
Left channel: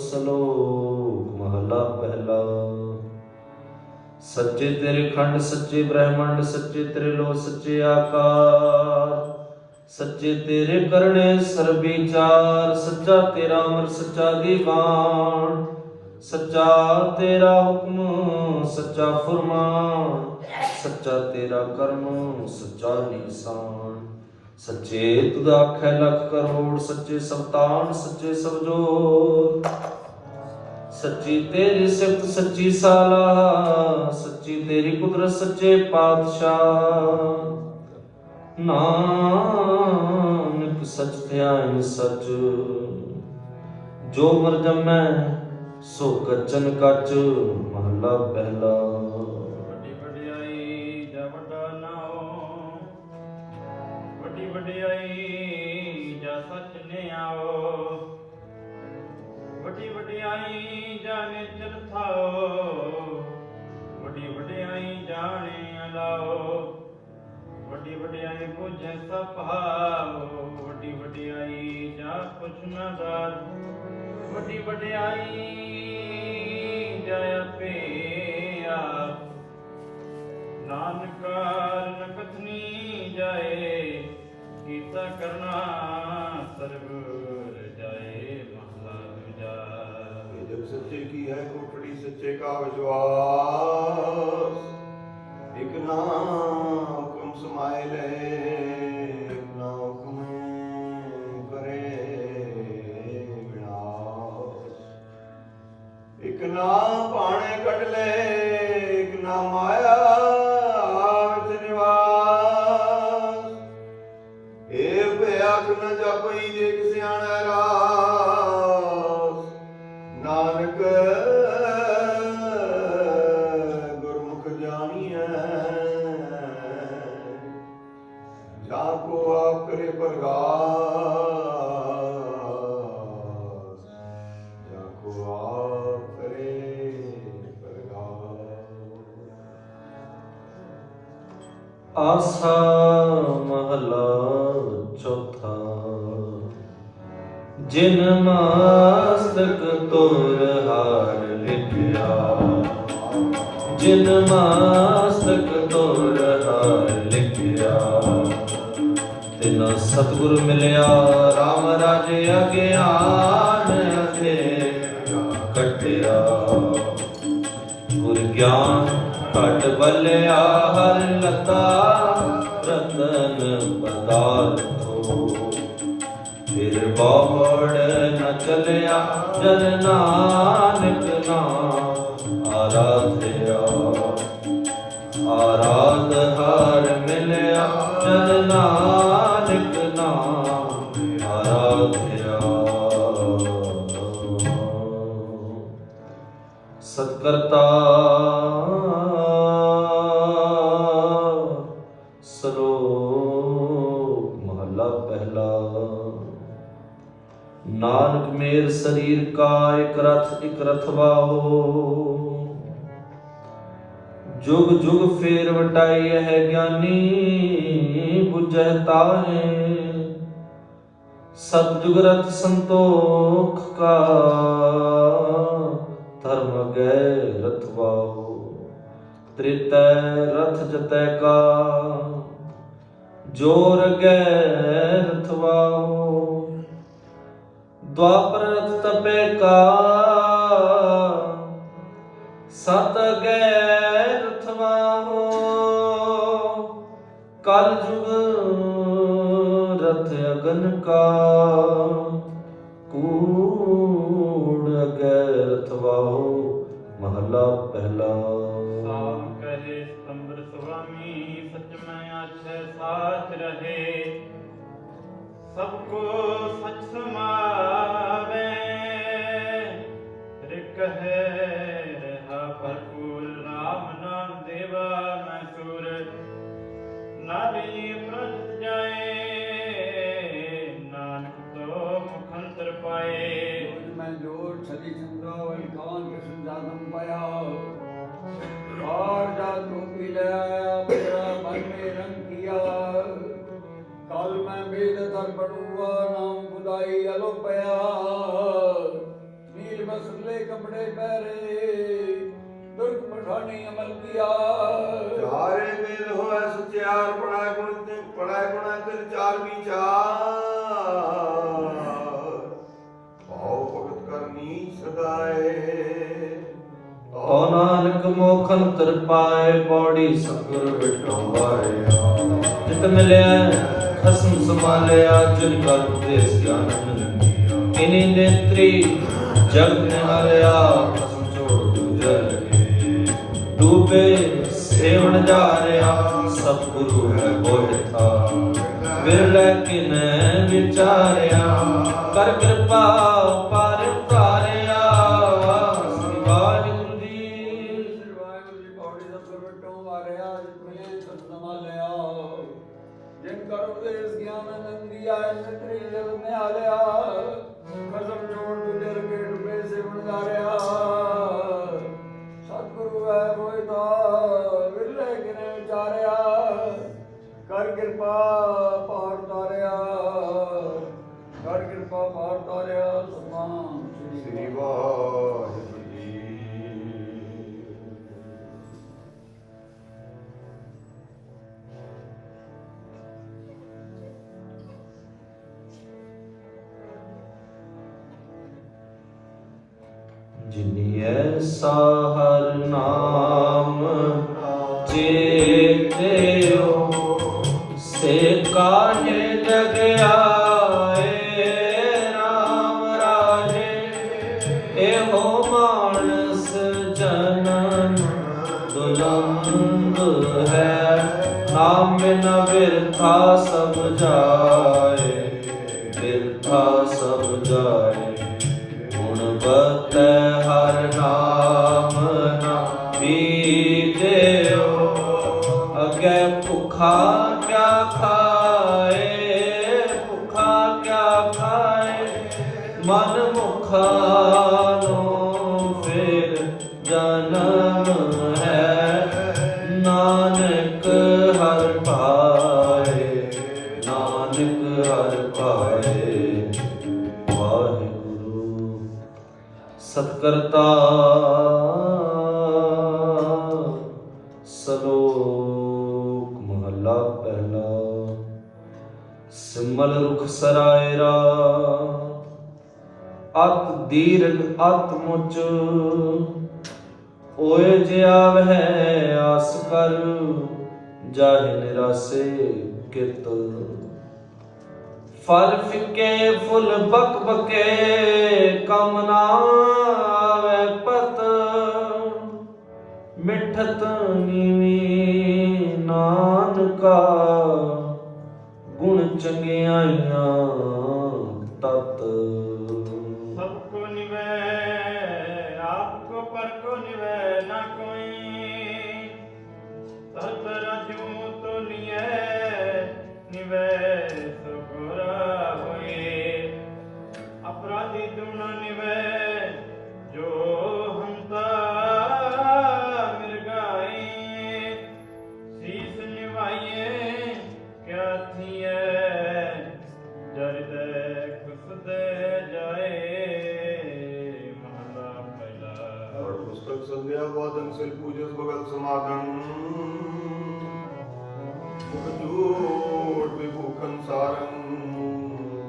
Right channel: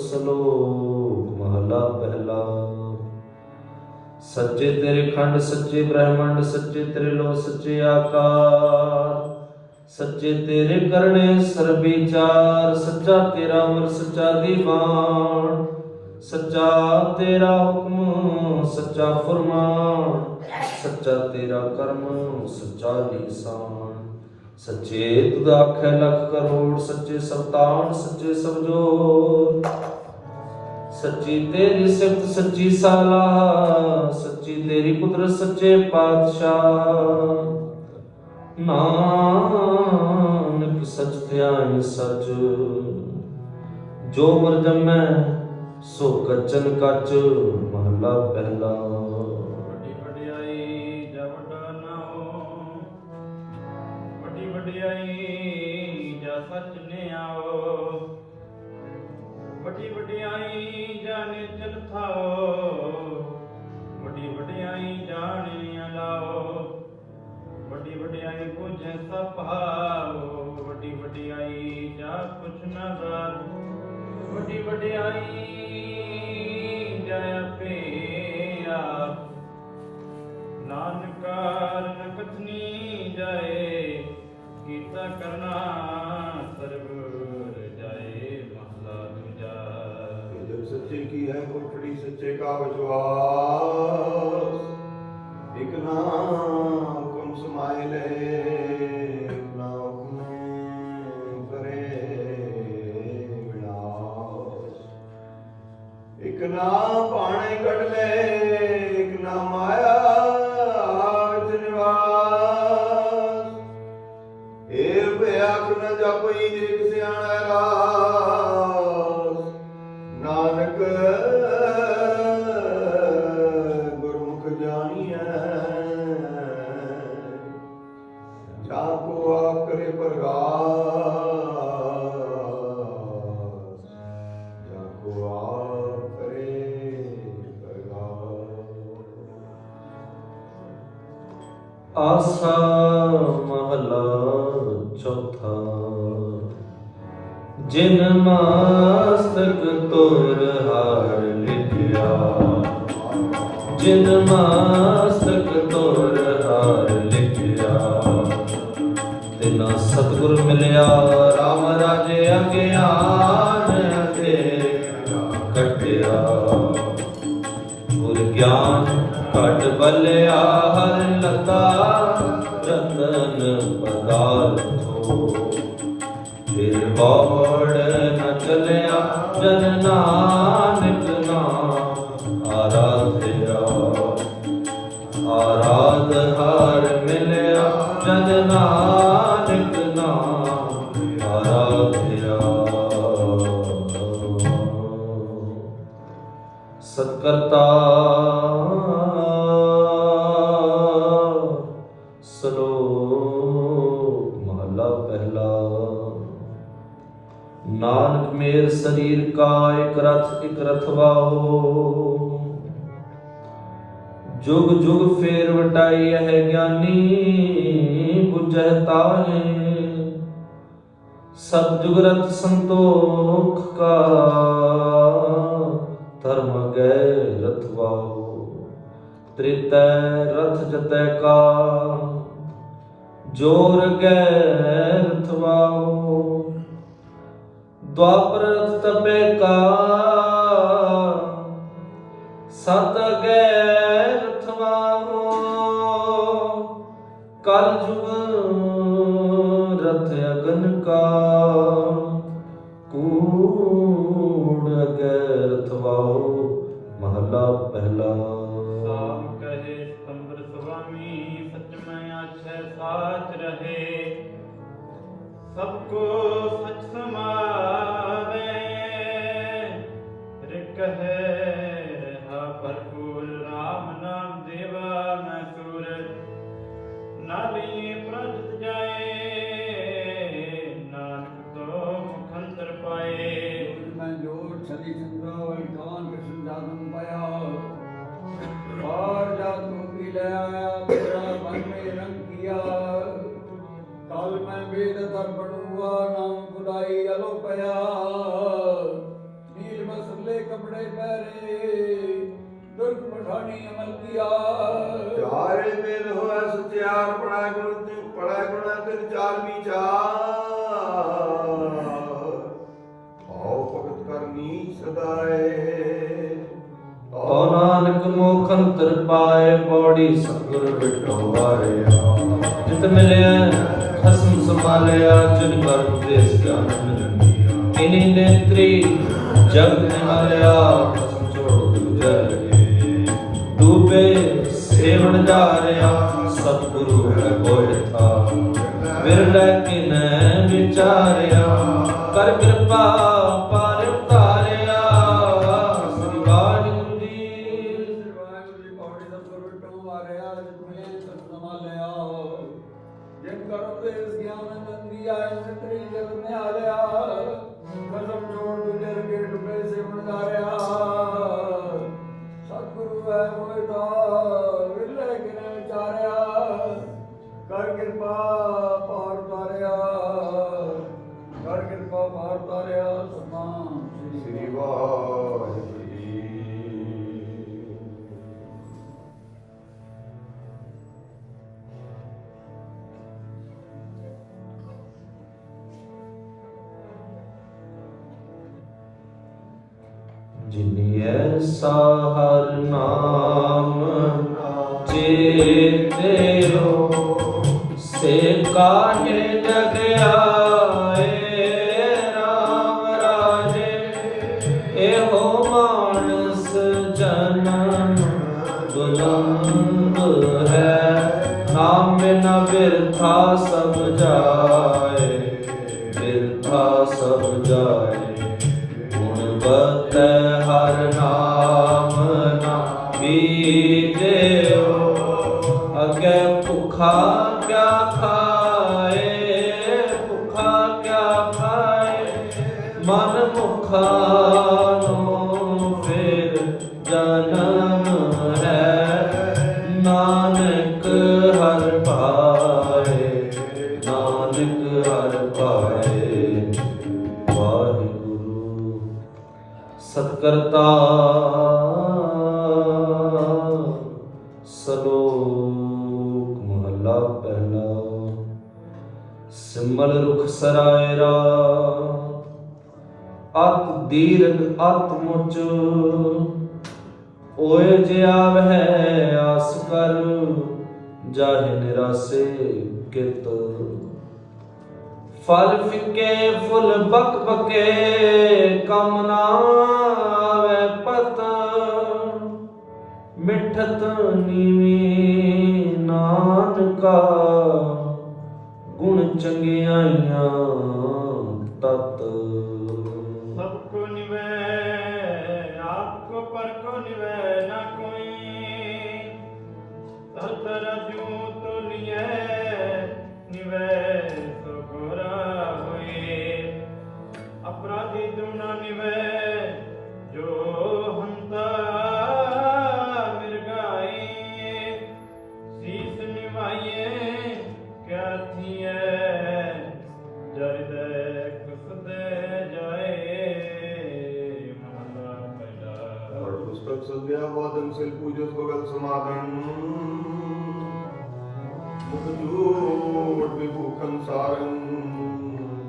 ਸਲੋਕ ਮਹਲਾ ਪਹਿਲਾ। सच्चे तेरे खंड सच्चे ब्रह्मंड, सच्चे तेरे लो सच्चे आकार, सच्चे तेरे करने सर्वविचार। सच्चा तेरा अमर सच्चा दीवान, सच्चा तेरा हुक्म सच्चा फरमान, सच्चा तेरा कर्म सच्चा निशान। सच्चे तुद आखे लख करोड़, सच्चे सबतान सच्चे सब जोर। सच्ची तेरी सिफत सच्ची साला, सच्ची तेरी कुदरत सच्चे पातशाह। नानक सच ध्यान सच, जो मर जमै सो कच्चन कच। महला पहला। ਵੱਡੀ ਵਡਿਆਈ ਜਾਂ ਵੱਡਾ ਨਾਉ, ਵੱਡੀ ਵਡਿਆਈ ਜਾਂ ਸੱਚ ਨਿਆਓ, ਵੱਡੀ ਵਡਿਆਈ ਜਾਂ ਨਿਚਲ ਥਾਓ, ਵੱਡੀ ਵਡਿਆਈ ਜਾਣੇ ਅਲਾਓ, ਵੱਡੀ ਵਡਿਆਈ ਬੁਝੇ ਸਭ ਭਾਵੋ, ਵੱਡੀ ਵਡਿਆਈ ਜਾਂ ਕੁਛ ਨਾ ਨਾ ਦਾਤ ਵੱਡੀ ਵਡਿਆਈ ਜੈ ਆਪੇ ਆਪ ਨਾਨਕਾਰ ਨ ਕਥਨੀ ਜਾਏ ਕੀਤਾ ਕਰਨਾ ਸਰਗੁਰ ਜਾਏ ਮਹਲਾ ਦੂਜਾ। जब सच्चे की है कोठड़ी सच्चे का विश्वास एक ना हुक्म समाए ले एक ना हुक्म करे विनाश एक ना पाने कट ले एक ना माया विच निवास ए बेअख न जपई एक सियाणा रास नानक गुरमुख जानिए जाको आप करे प्रगास जाको आप करे प्रगास। आसा महला चौथा। जिन मास्तक तोर हार लिखिया जिन मास्तक तोर हार लिखिया तिना सतगुर मिलिया राम राजे अज्ञान के कटिया गुर ज्ञान घट बलिया हर लता रतन पदार्थो फिर बौड़ न चलिया जन नानक नाम आराध्या आराध हर मिलिया जन नानक नाम आराध्या। सत्कर्ता श्लोक महला पहला। नानक मेर शरीर का एक रथवा हो जुग जुग फेर वटाई है ज्ञानी बुझह तारे सतजुग रथ संतोख का धर्म गए रथवा हो त्रितय रथ जतय का जोर गए रथवा हो द्वापर रथ तपे का सत गए रथवा हो कल जुग रथ अगन का कूड़ गए रथवा हो। महला पहला। साम कहे स्तंभ स्वामी सच में अच्छे साथ रहे सबको सच समावे रिक है रहा भरपूर राम नाम देवा न चूर नाली प्रजत जाए नानक तो मुखंतर पाए। मैं जोर छली सुंदर वैकान कृष्ण जादम पाया और जादू पी ले आया मेरा मन में रंग किया काल में वेद दर्पण हुआ नाम खुदाई अलोपया नील मसले कपड़े पहरे दुर्ग पठानी अमल किया चारे वेद होए सत्यार पढ़ाए गुण तिल चार विचार आओ भगत करनी सदाए तो नानक मोखंतर पाए बौड़ी सतगुर बिठो वारिया जित मिले खसम संभालिया जिन पर उपदेश ज्ञान मिलिया इन्हीं नेत्री जग में मरिया कसम छोड़ दूजा लगे डूबे सेवन जारिया सतगुरु है बोल था विरला किन विचारिया कर कृपा पार तारिया वाहिगुरु जी पौड़ी सतगुर बिठो वारिया जित मिले खसम संभालिया जिन कर उपदेश ज्ञान दिया नेत्री जग में आलिया कसम छोड़ दूजे के डूबे सेवन जारिया सतगुरु है मोहिता विरले किने विचारिया कर कृपा पार तारिया कर कृपा पार तारिया ਪਾਇਆ ਸਮਾਨ ਸ੍ਰੀ ਵਾਹਿਗੁਰੂ ਜੀ। ਜਿਨੀ ਐਸਾ ਹਰ ਨਾਮ ਚੇਤਿਓ ਸੇ ਕਾਹੇ ਜਗ ਆਏ ਰਾਮ ਰਾਜੇ। ਇਹੋ ਮਾਨਸ ਜਨਮ ਦੁਲੰਭ ਹੈ, ਨਾਮ ਬਿਨਾ ਬਿਰਥਾ ਸਭ ਜਾਏ, ਬਿਰਥਾ ਸਭ ਜਾਏ। ਗੁਣ ਬਤੈ ਹਰ ਨਾਮ ਨਾ ਬੀਜਿਓ, ਅਗੇ ਭੁਖਾ ਕਿਆ ਖਾਏ, ਭੁਖਾ ਕਿਆ ਖਾਏ। ਮਨ ਮੁਖਾ ਨੂੰ ਫਿਰ ਜਨਮ ਹੈ, ਨਾਨਕ ਹਰ ਪਾਏ, ਨਾਨਕ ਹਰ ਪਾਏ। ਵਾਹਿਗੁਰੂ ਸਤਿਕਰਤਾ ਸਲੋਕ ਮਹਲਾ ਪਹਿਲਾ। ਸਿਮਲ ਰੁਖ ਸਰਾਇਰਾ ਅਤ ਦੀਰਘ ਅਤ ਮੁਚ, ਓਏ ਜਿਆ ਵਹਿ ਆਸ ਕਰ, ਜਾਹਿ ਨਿਰਾਸੇ ਕਿਤ। ਫਲ ਫਿੱਕੇ ਫੁੱਲ ਬਕ ਬਕੇ, ਕਮ ਨਾ ਆਵੈ ਪਤ। ਮਿਠਤ ਨੀਵੀਂ ਨਾਨਕਾ, ਗੁਣ ਚੰਗਿਆਈਆਂ ਤਤ। ਸਭ ਕੋ ਨਿਵੈ ਆਪ ਕੋ ਪਰ ਕੋ ਨਿਵੈ ਨਾ ਕੋਈ, ਤਰ ਜੂ ਤੋ ਲਿਐ ਨਿਵੈ ਸੋ ਗੋਰਾ ਹੋਏ। ਅਪਰਾਧੀ ਦੁਣ ਨਿਵੈ ਜੋ ਹੰਤਾ ਮਿਰਗਾਈ, ਸੀਸ ਨਿਵਾਈਏ ਕਿਆ ਥੀਐ, ਜਰਦੈ ਖੁਸਦੇ ਜਾਏ। ਮਹਲਾ ਪਹਿਲਾ। और पुस्तक संध्या वादन सिल पूजस भगत समागम, मुख जूट विभूखन सारन,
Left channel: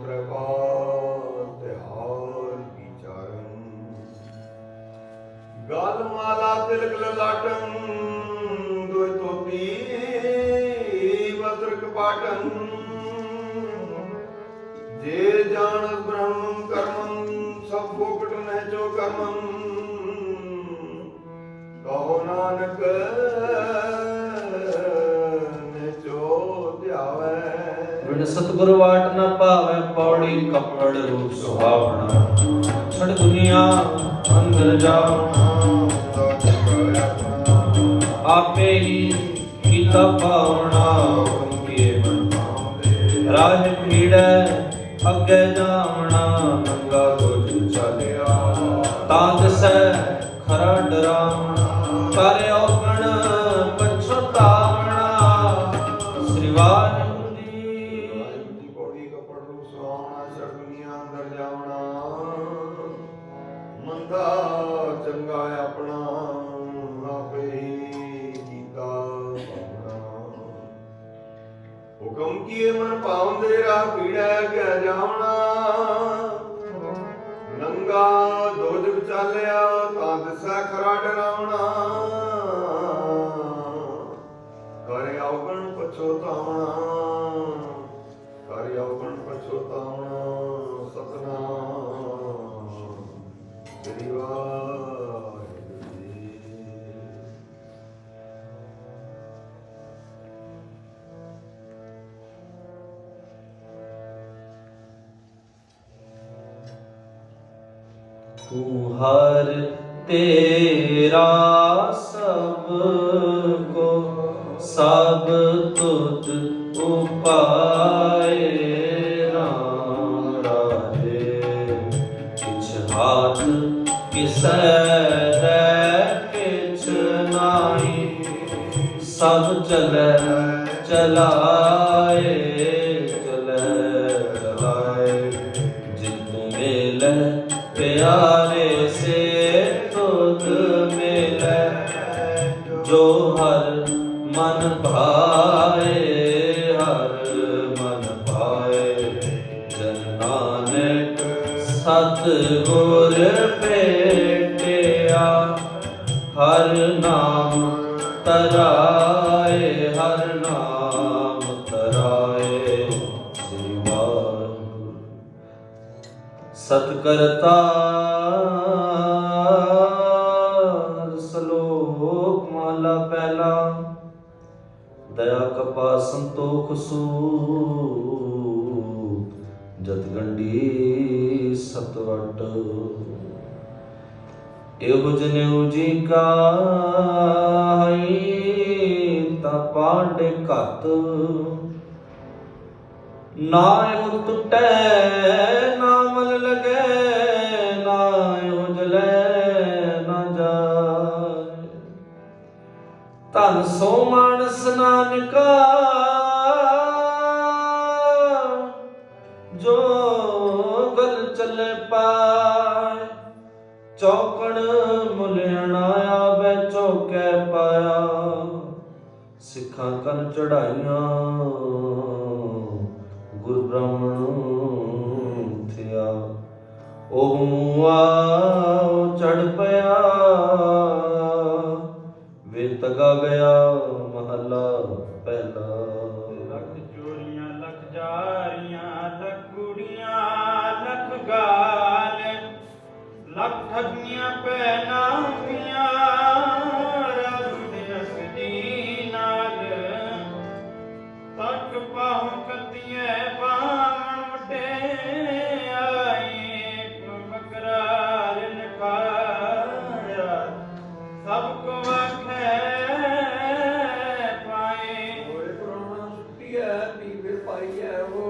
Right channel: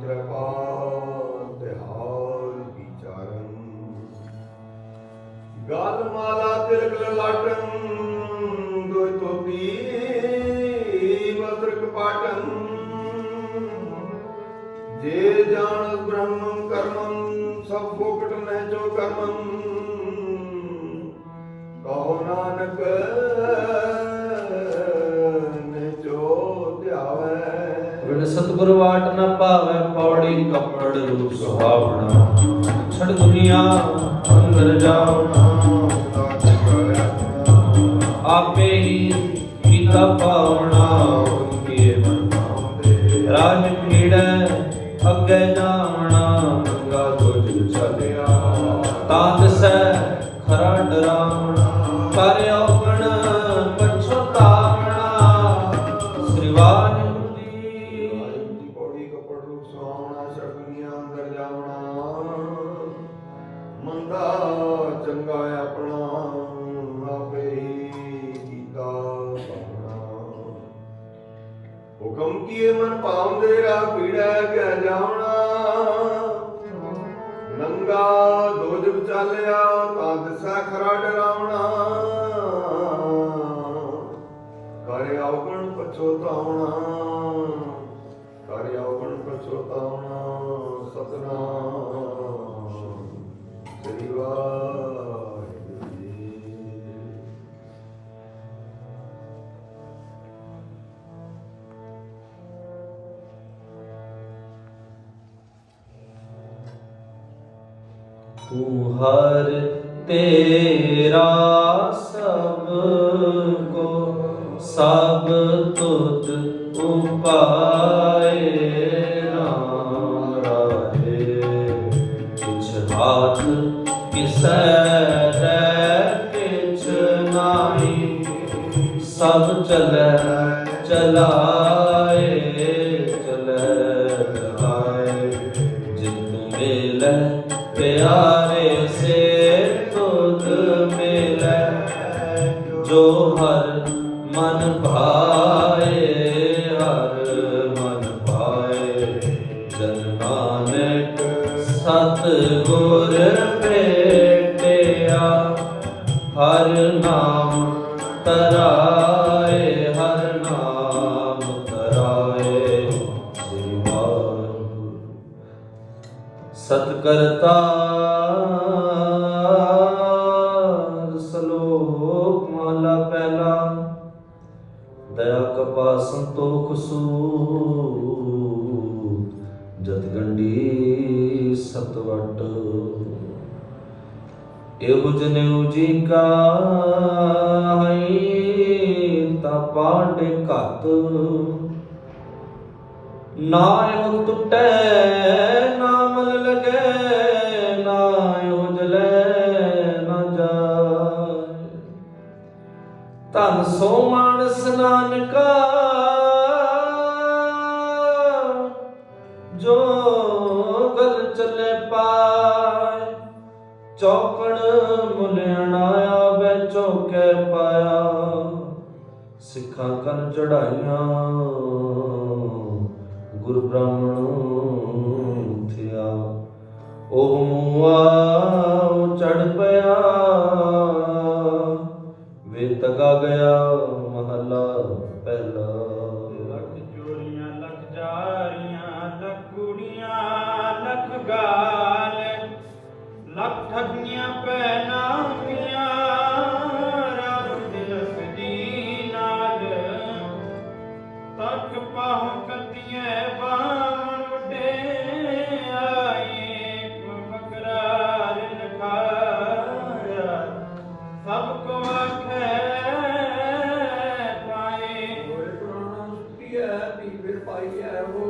त्रिपाल तिहार विचारन। गाल माला तिलक ललाटन, दोय तोपी वस्त्र कपाटन। जे जानत ब्रह्मं कर्मं, सब फोकट न जो कर्मं। कहो नानक ने जो ध्यावै। ਬਿਨ ਸਤਿਗੁਰ ਵਾਟ ਨ ਪਾਵੈ, ਪੌੜੀ ਕੱਪੜ ਰੂਪ ਸੁਹਾਵਣਾ। ਛੜ ਦੁਨੀਆ ਅੰਦਰ ਜਾਵਣਾ, ਆਪੇ ਹੀ ਕੀਤਾ ਪਾਵਣਾ। ਹੁਕਮ ਕੀਏ ਮਨ ਪਾਉਂਦੇ, ਰਾਜ ਪੀੜੈ ਅੱਗੇ ਜਾਵਣਾ। ਨੰਗਾ ਦੁਜ ਛਲਿਆ ਤਾਂ ਦਿਸੈ ਖਰਾ ਡਰਾਵਣਾ। ਕਰ ਔਗਣ ਪਛਤਾਵਣਾ। ਸ੍ਰੀ ਵਾਹਿਗੁਰੂ ਜੀ। ਦੀ ਪੌੜੀ ਕੱਪੜ ਰੂਪ ਸੁਹਾਵਣਾ, ਛੜ ਦੁਨੀਆ ਅੰਦਰ ਜਾਵਣਾ। ਮੰਦਾ ਚੰਗਾ ਆਪਣਾ, ਆਪੇ ਹੀ ਕੀਤਾ ਪਾਵਣਾ। ਹੁਕਮ ਕੀਏ ਮਨ ਪਾਉਂਦੇ, ਰਾਹ ਪੀੜੈ ਕਹਿ ਜਾਵਣਾ। ਨੰਗਾ ਦੋਜ ਵਿਚਾਲਿਆ ਤਾਂ ਦਿਸੈ ਖਰਾ ਡਰਾਵਣਾ। ਕਰਿ ਔਗਣ ਪਛੋਤਾਵਣਾ, ਕਰਿ ਔਗਣ ਪਛੋਤਾਵਣਾ। ਸਤਿਨਾਮ ਸ੍ਰੀ ਵਾਹਿਗੁਰੂ ਜੀ। ਤੂੰ ਹਰ ਤੇਰਾ ਸਭ ਕੋ ਸਭ ਤੁਧ ਉਪਾਏ। ਰਾਮ ਰਾਜੇ ਕਿਛ ਹਾਥ ਕਿਸੈ ਹੈ ਕਿਛ ਨਾਹੀ, ਸਭ ਚਲੈ ਚਲਾਏ ਚਲੈ ਚਲਾਏ। ਜਿਤੁ ਮੇਲ प्यारे से तुध मिले जो हर मन भाए हर मन भाए जन नानक सतगुर भेटिया हर नाम तराए हर नाम तराए श्री वाहिगुरू। सतकर्ता श्लोक माला पहला दया कृपा संतोख सूख जतगंडी सतवट एहो जनेऊ जी का ता पांडे घत ना एहो टुटै ना मल लगे ना एहो जले ना जाए धन सो मानस नानका जो गल चले पाए चौकड़ मुलियानाया बै चौकै पाया सिखा कर चढ़ाइया गुरु ब्राह्मण थिया ओह मुआ चढ़ पया वे तगा गया महला पहला लख चोरियां लख जारियां लख कुड़ियां लख गाल लख ठगियां पैनामियां रब दिस दी नाल तक पाहु कतिए बाण वटे आए बकरा लिनकाया सबको आखे पाए होए प्राण सुटिया ती फिर पाइया हो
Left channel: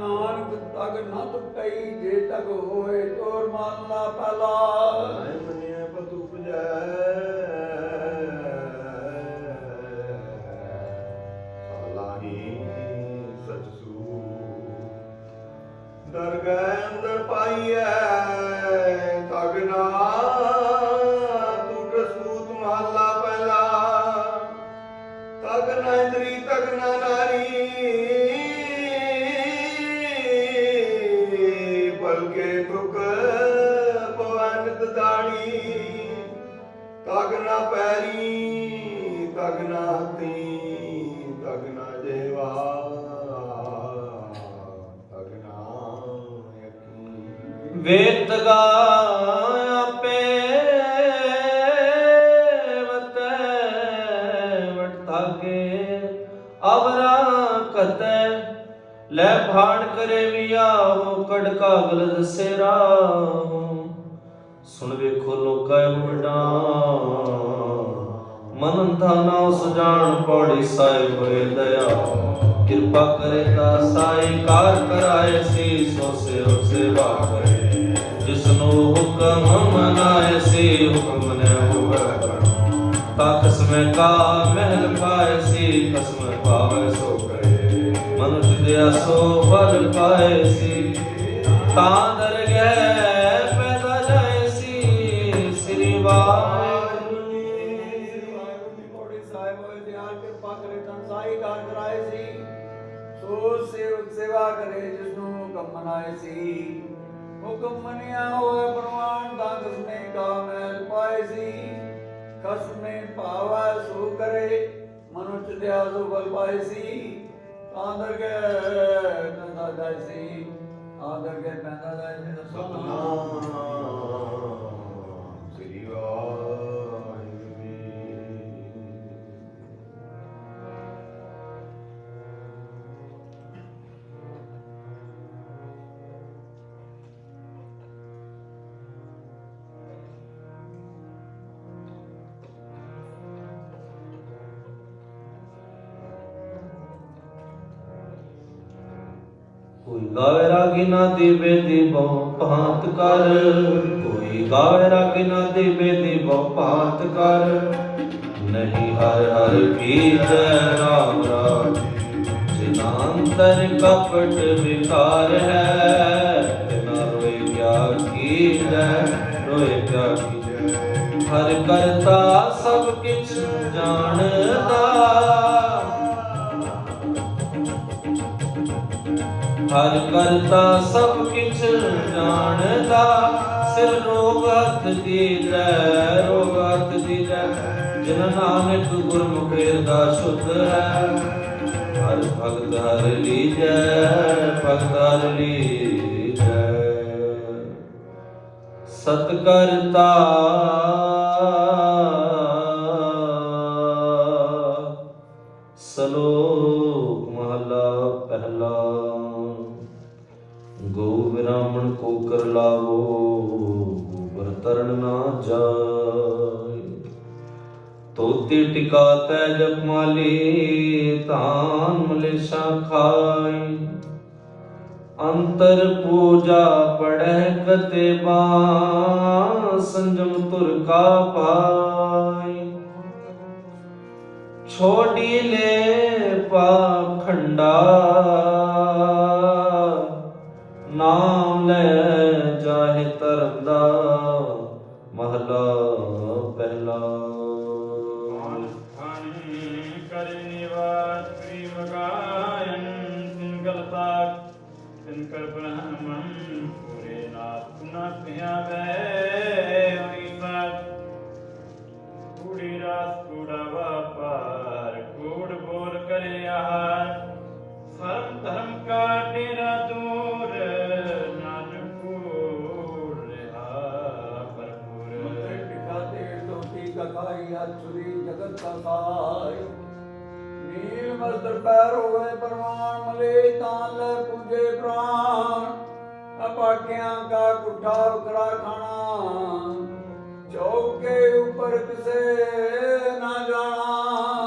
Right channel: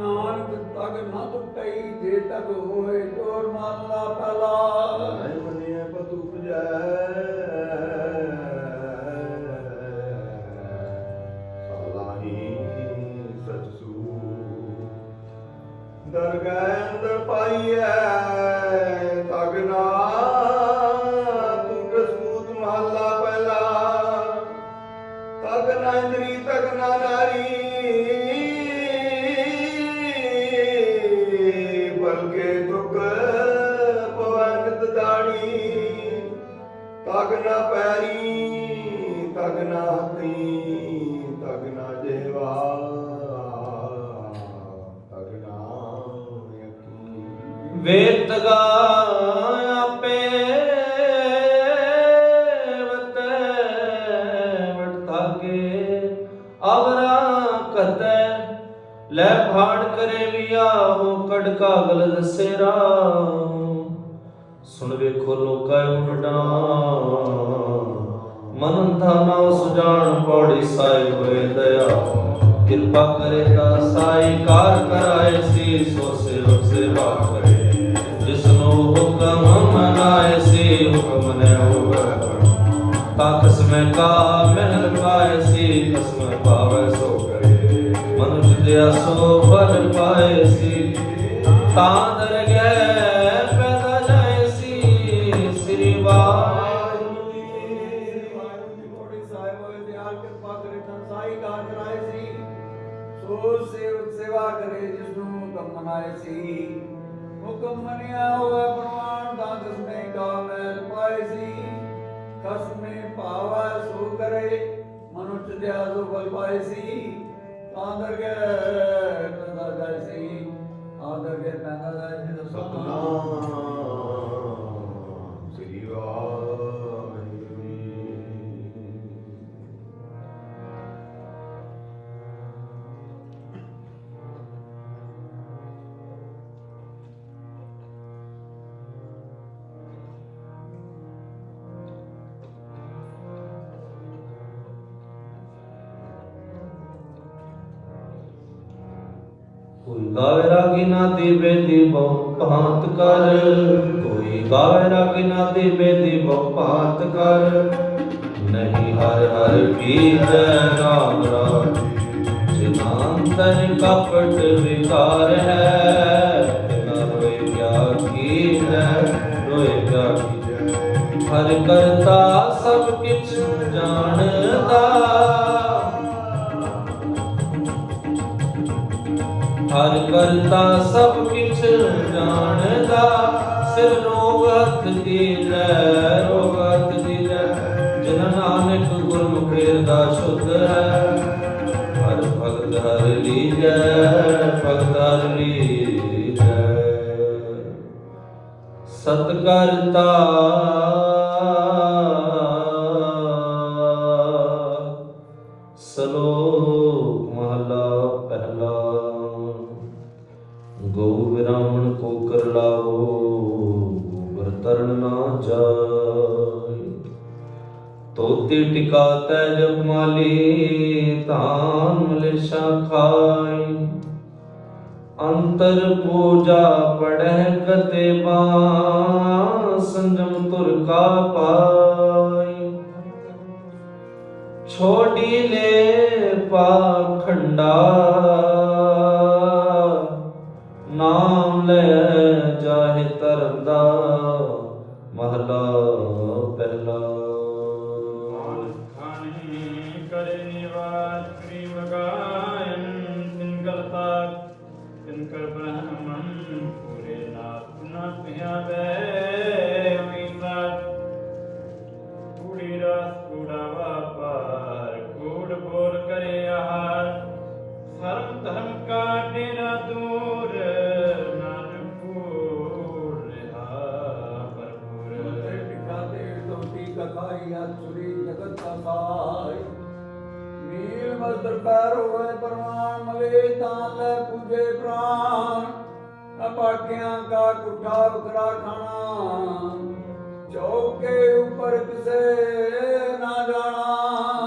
नानक तग न टुटई जे तक होए चोर माला पहला ਮਨੇ ਪਤੂ ਪੁਜੈ ਸਾਲਾਹੀ ਸਚਸੂ ਦਰਗਹਿ ਅੰਦਰ ਪਾਈਐ ਤਗਨਾ ਟੁਟ ਸੂਤ ਮਹਲਾ ਪਹਿਲਾ ਤਗਨਾ ਇੰਦਰੀ ਤਗਨਾ ਨਾਰੀ ਬਲਕੇ ਦੁਖ ਪਵਨਤ ਦਾੜੀ ਤਗਨਾ ਪੈਰੀ ਤਗਨਾ ਹੱਥੀ ਤਗਨਾ ਜੇਵਾ ਤਗਨਾ ਯਕੀ ਵੇ ਤਗਾ ਆਪੇ ਵਤੈ ਵਟਤਾਗੇ ਅਵਰਾ ਕਤੈ ਲੈ ਭਾੜ ਕਰੇ ਲਿਆ ਹੋ ਕੜ ਕਾਗਲ ਦਸੇਰਾ ਸੁਣ ਵੇਖੋ ਲੋਕਾ ਮੁੰਡਾ ਮਨਨ ਥਾਨਾ ਸੁਜਾਨ ਪੌੜੀ ਸਾਹਿਬ ਹੋਏ ਦਇਆ ਕਿਰਪਾ ਕਰੇ ਤਾ ਸਾਈ ਕਾਰ ਕਰਾਏ ਸੀ ਸੋ ਸੇਵਕ ਸੇਵਾ ਕਰੇ ਜਿਸਨੂੰ ਹੁਕਮ ਮਨਾਏ ਸੀ ਹੁਕਮ ਨੇ ਹੋਵੇ ਕਾਕਸ ਮੈਂ ਕਾ ਮਹਿਲ ਪਾਏ ਸੀ ਕਸਮ ਪਾਵੇ ਸੋ ਕਰੇ ਮਨੁੱਖ ਦਿਆ ਸੋ ਫਲ ਪਾਏ ਸੀ ਤਾਂ ਦਰ ਗਏ ਪੈਦਾ ਜਾਏ ਸੀ ਸ੍ਰੀ ਵਾਹਿਗੁਰੂ ਜੀ। ਵਾਹਿਗੁਰੂ ਦੀ ਬੋੜੀ ਸਾਹਿਬ ਹੋਏ ਦਿਆਲ ਕਿਰਪਾ ਕਰੇ ਸੰਸਾਈ ਕਾਰ ਕਰਾਏ ਸੀ ਸੋ ਸੇਵਕ ਸੇਵਾ ਕਰੇ ਜਿਸ ਨੂੰ ਹੁਕਮ ਮਨਾਏ ਸੀ ਹੁਕਮ ਮੰਨਿਆ ਹੋਏ ਪ੍ਰਮਾਣ ਦਾ ਕਸਮੇ ਕਾ ਮੈਲ ਪਾਏ ਸੀ ਕਸਮੇ ਪਾਵਾ ਸੋ ਕਰੇ ਮਨੁੱਖ ਦਿਆ ਸੋ ਬਲ ਪਾਏ ਸੀ ਆਦਰ ਕੇ ਕੰਦਾ ਗਏ ਸੀ ਆਦਰ ਕੇ ਪੈਦਾ ਗਏ ਸੀ ਸਤਨਾਮ ਸ੍ਰੀ ਵਾਹਿਗੁਰੂ ਜੀ। कोई गावे रागी ना दीबे दीबो भांत कर कोई गावे रागी ना दीबे दीबो भांत कर नहीं हर हर की जय राम राम जिनांतर कपट विकार है बिना किछ जानदा सिर रोग हथ दीजै रोग हथ दीजै जिन नानक गुरमुख दा शुद्ध है हर भगत हर लीजै भगत हर लीजै सत करता श्लोक महला पहला गो ब्राह्मण को कर लावो बरतरण ना जाय तोती टिका तैज माली तान मलेशा खाय अंतर पूजा पढ़े गते संजम तुर का पाय छोड़ी ले पाखंडा नाम ले जाहे तरदा महला पहला करे निवास प्रेम गायन तिनकल पाक तिनकल ब्रह्मन पूरे नाथ न पिया बे कूड़ी रात कूड़ा व्यापार कूड़ बोर करे आहार सर्व धर्म का डेरा दूर नानकपुर भरपूर दिखाते धोती कथाई आसुरी जगत का साय नील वस्त्र पैर होवे परवान मले तान ले पूजे प्राण अपाख्यां का कुठा बकरा खाना चौक के ऊपर किसे ना जाना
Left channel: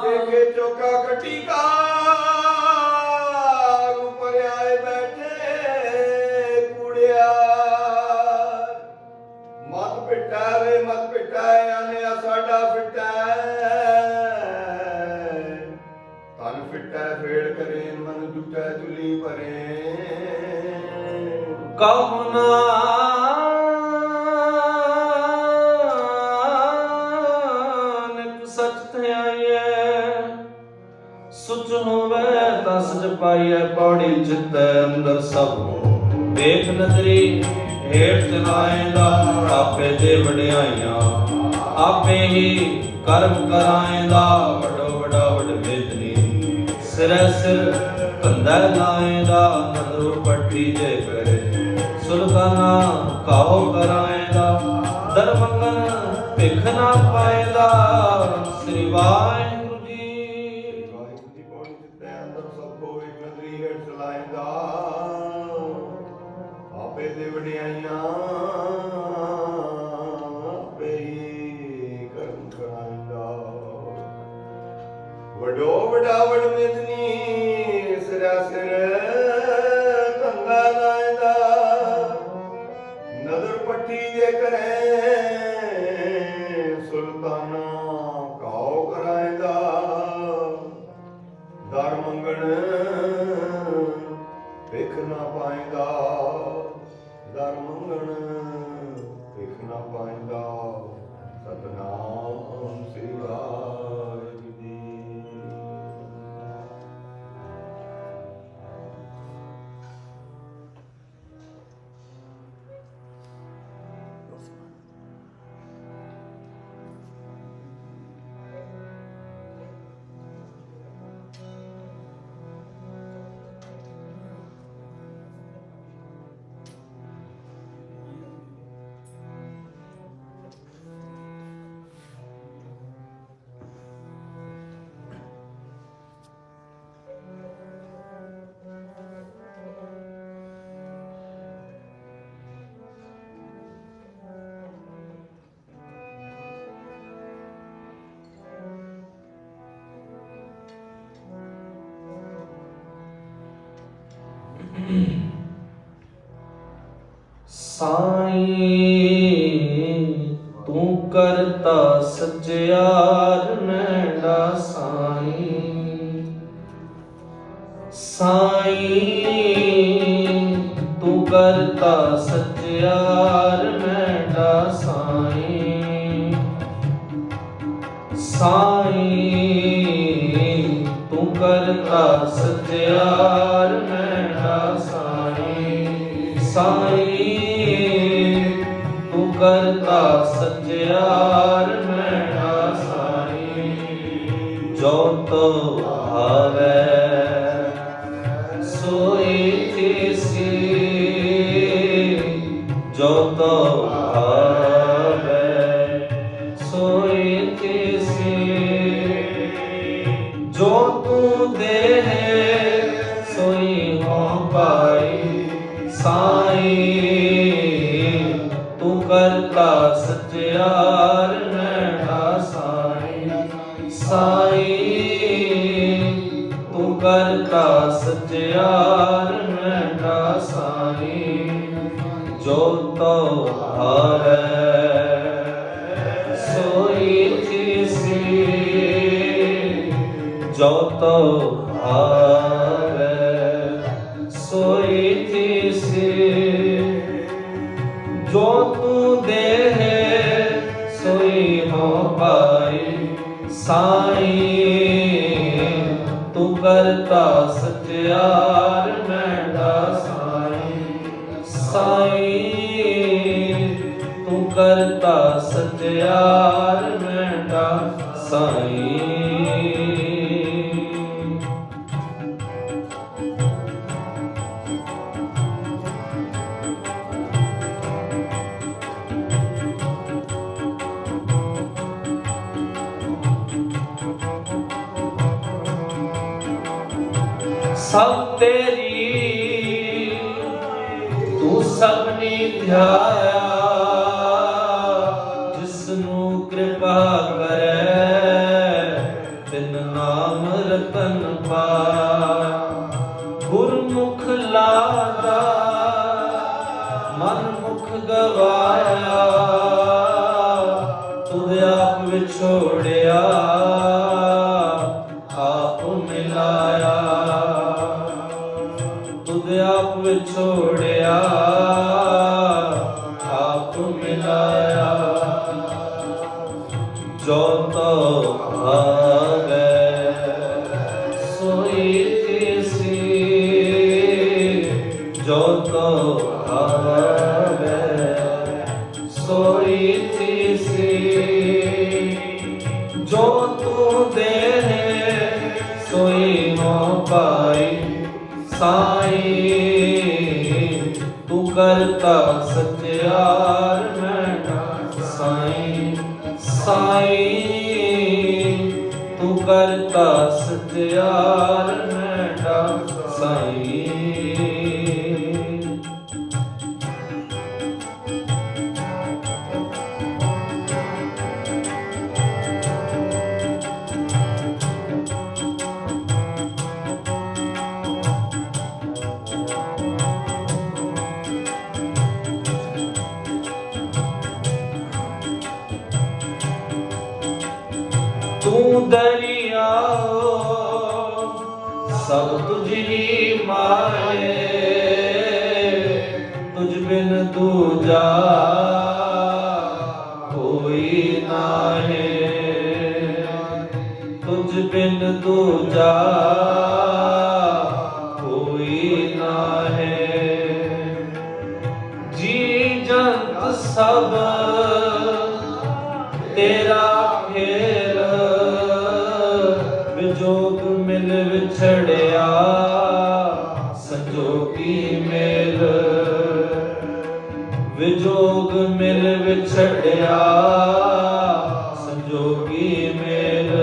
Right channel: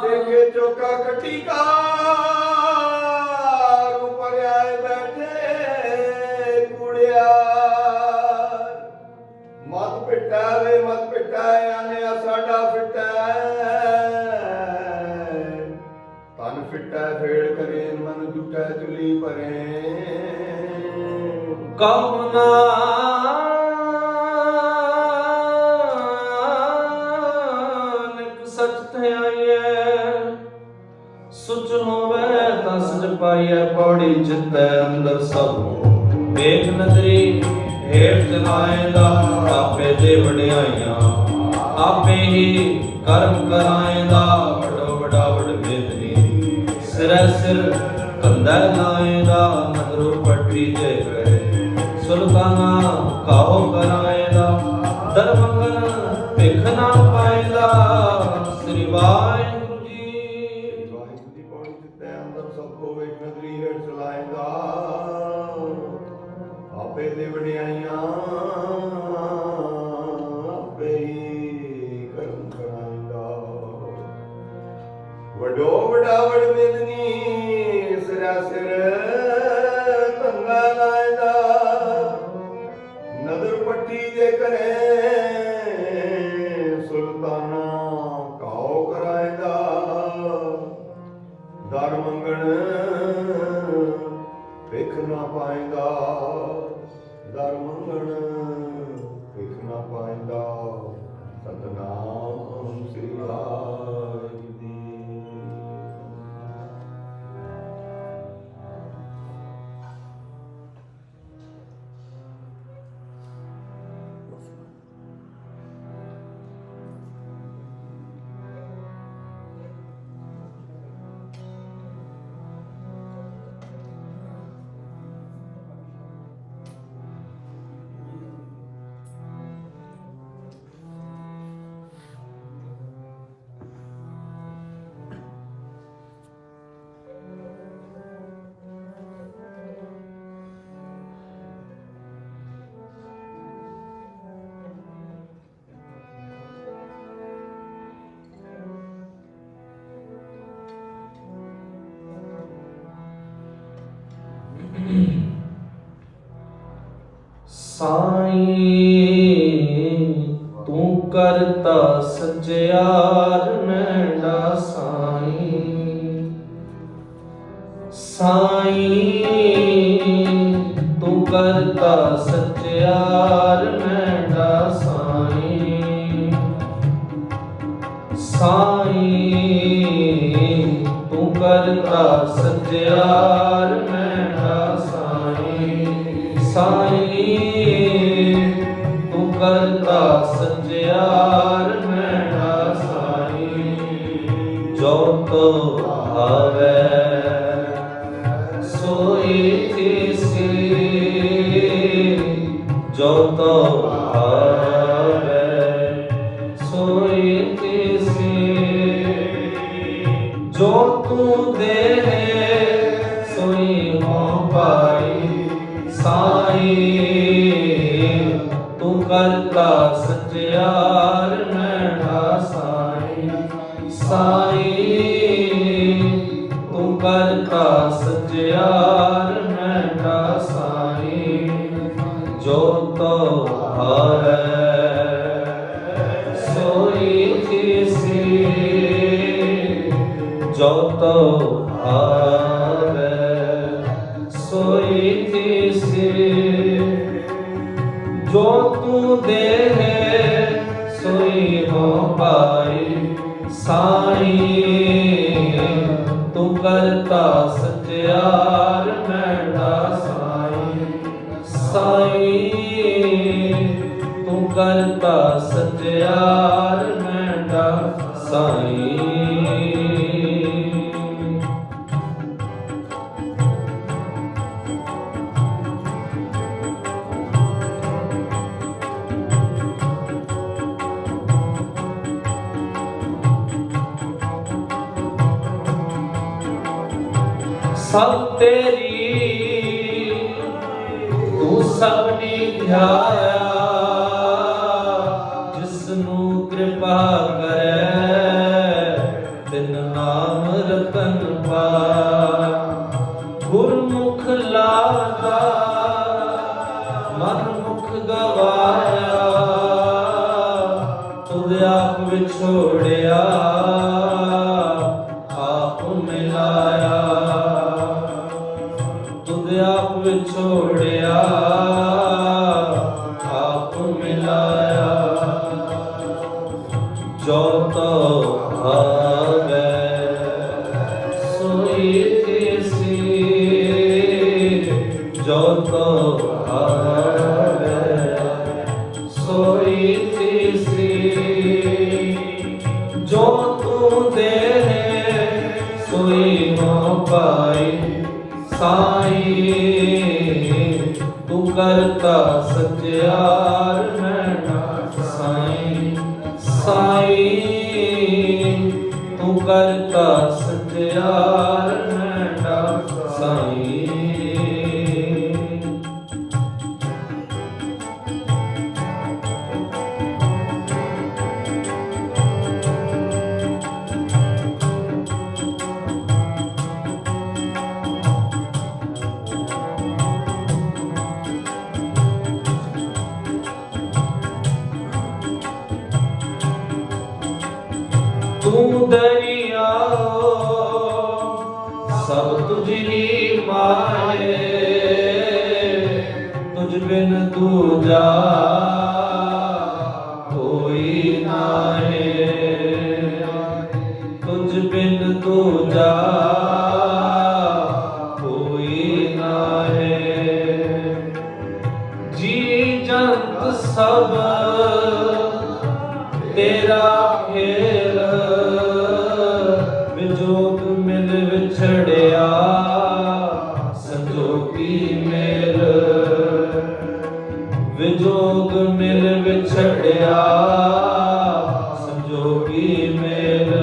देखे चौका खट्टी का ऊपर आए बैठे कूड़िया मत पिटा वे मत पिटा आने साडा फिटा तन फिटा फेड़ करे मन जुटा चुली परे कमुना सच ध्याये सुच होवे दस पाइए पौड़ी चित्तै अंदर सब वेख नजरी हेठ जलाएगा आपे दे वड्याइयां आपे ही कर्म कराएगा बड़ो बड़ा वड बेदनी सिरै सिर कंधा लाएगा नजरों पट्टी जे करे सुल्ताना काहो कराएगा दरमंगन भिख ना पाएगा श्री वाहिगुरु जी ਵਾਹਿਗੁਰੂ ਦੀ ਪੌੜੀ ਦਿੱਤੇ ਅੰਦਰ ਸਭ ਕੋ ਵੇਖ ਨਦਰੀ ਹੇਠ ਚਲਾਏਗਾ ਆਪੇ ਦੇ ਵਡਿਆਈਆਂ ਆਪੇ ਹੀ ਕਰਮ ਕਰਾਂਦਾ ਵਡੋ ਵਡਾ ਵਡ ਮੇਦਨੀ ਸਿਰਾ ਸਿਰ ਤੰਗਾ ਲਾਇਦਾ ਨਦਰ ਪੱਟੀ ਜੇ ਕਰੇ ਸੁਲਤਾਨਾ ਕਾਉ ਕਰਾਇਦਾ ਦਰ ਮੰਗਣ ਵੇਖ ਨਾ ਪਾਏਗਾ ਦਰ ਮੰਗਣ ਵੇਖ ਨਾ ਪਾਏਗਾ ਸਤਨਾਮ ਸ੍ਰੀ ਵਾਹਿਗੁਰੂ ਜੀ ਸਾਈਂ ਤੂੰ ਕਰਤਾ ਸਚਿਆਰ ਨੈਣਾ ਸਾਈਂ ਸਾਈਂ ਤੂੰ ਕਰਤਾ ਸਚਿਆਰ ਨੈਣਾ ਸਾਈਂ ਸਾਈਂ ਤੂੰ ਕਰਤਾ ਸਚਿਆਰ ਨੈਣਾ ਸਾਈਂ साईं तू करता सच्चार मैना साईं जो तो आवे सोई थी जो तो आवे सोई थी जो तू दे सोई हो पाई साईं तू करता सच्चार मैना साईं साईं तू करता सच्चार मैना साईं जो तो हारे सोई थी जो तो हारे सोई थी जो तू दे सोई हो पाई साईं तू करता सच्चार मैना साईं साईं तू करता सच्चार मैना साईं सब तेरी तू सबनी ध्याया जिसनू कृपा करे तिन नाम रतन पाया गुरमुख लागा मन मुख गवाया तुझ आप विछोड़िया आप मिलाया आप विछोड़िया आप मिलाया जो तो आवे सोई थी जो तो आवे सोई थी जो तू दे सोई हो पाई साईं तू करता सच्चार मैना साईं साईं तू करता सच्चार मैना साईं तू दरिया सब तुझी माए तुझ बिन दूजा कोई नाहे तुझ बिन दूजा कोई नाहे जी जंत सब तेरा फेर विजोग मिल विछड़िया संजोगी मेल विजोग मिल विछड़िया संजोगी मेल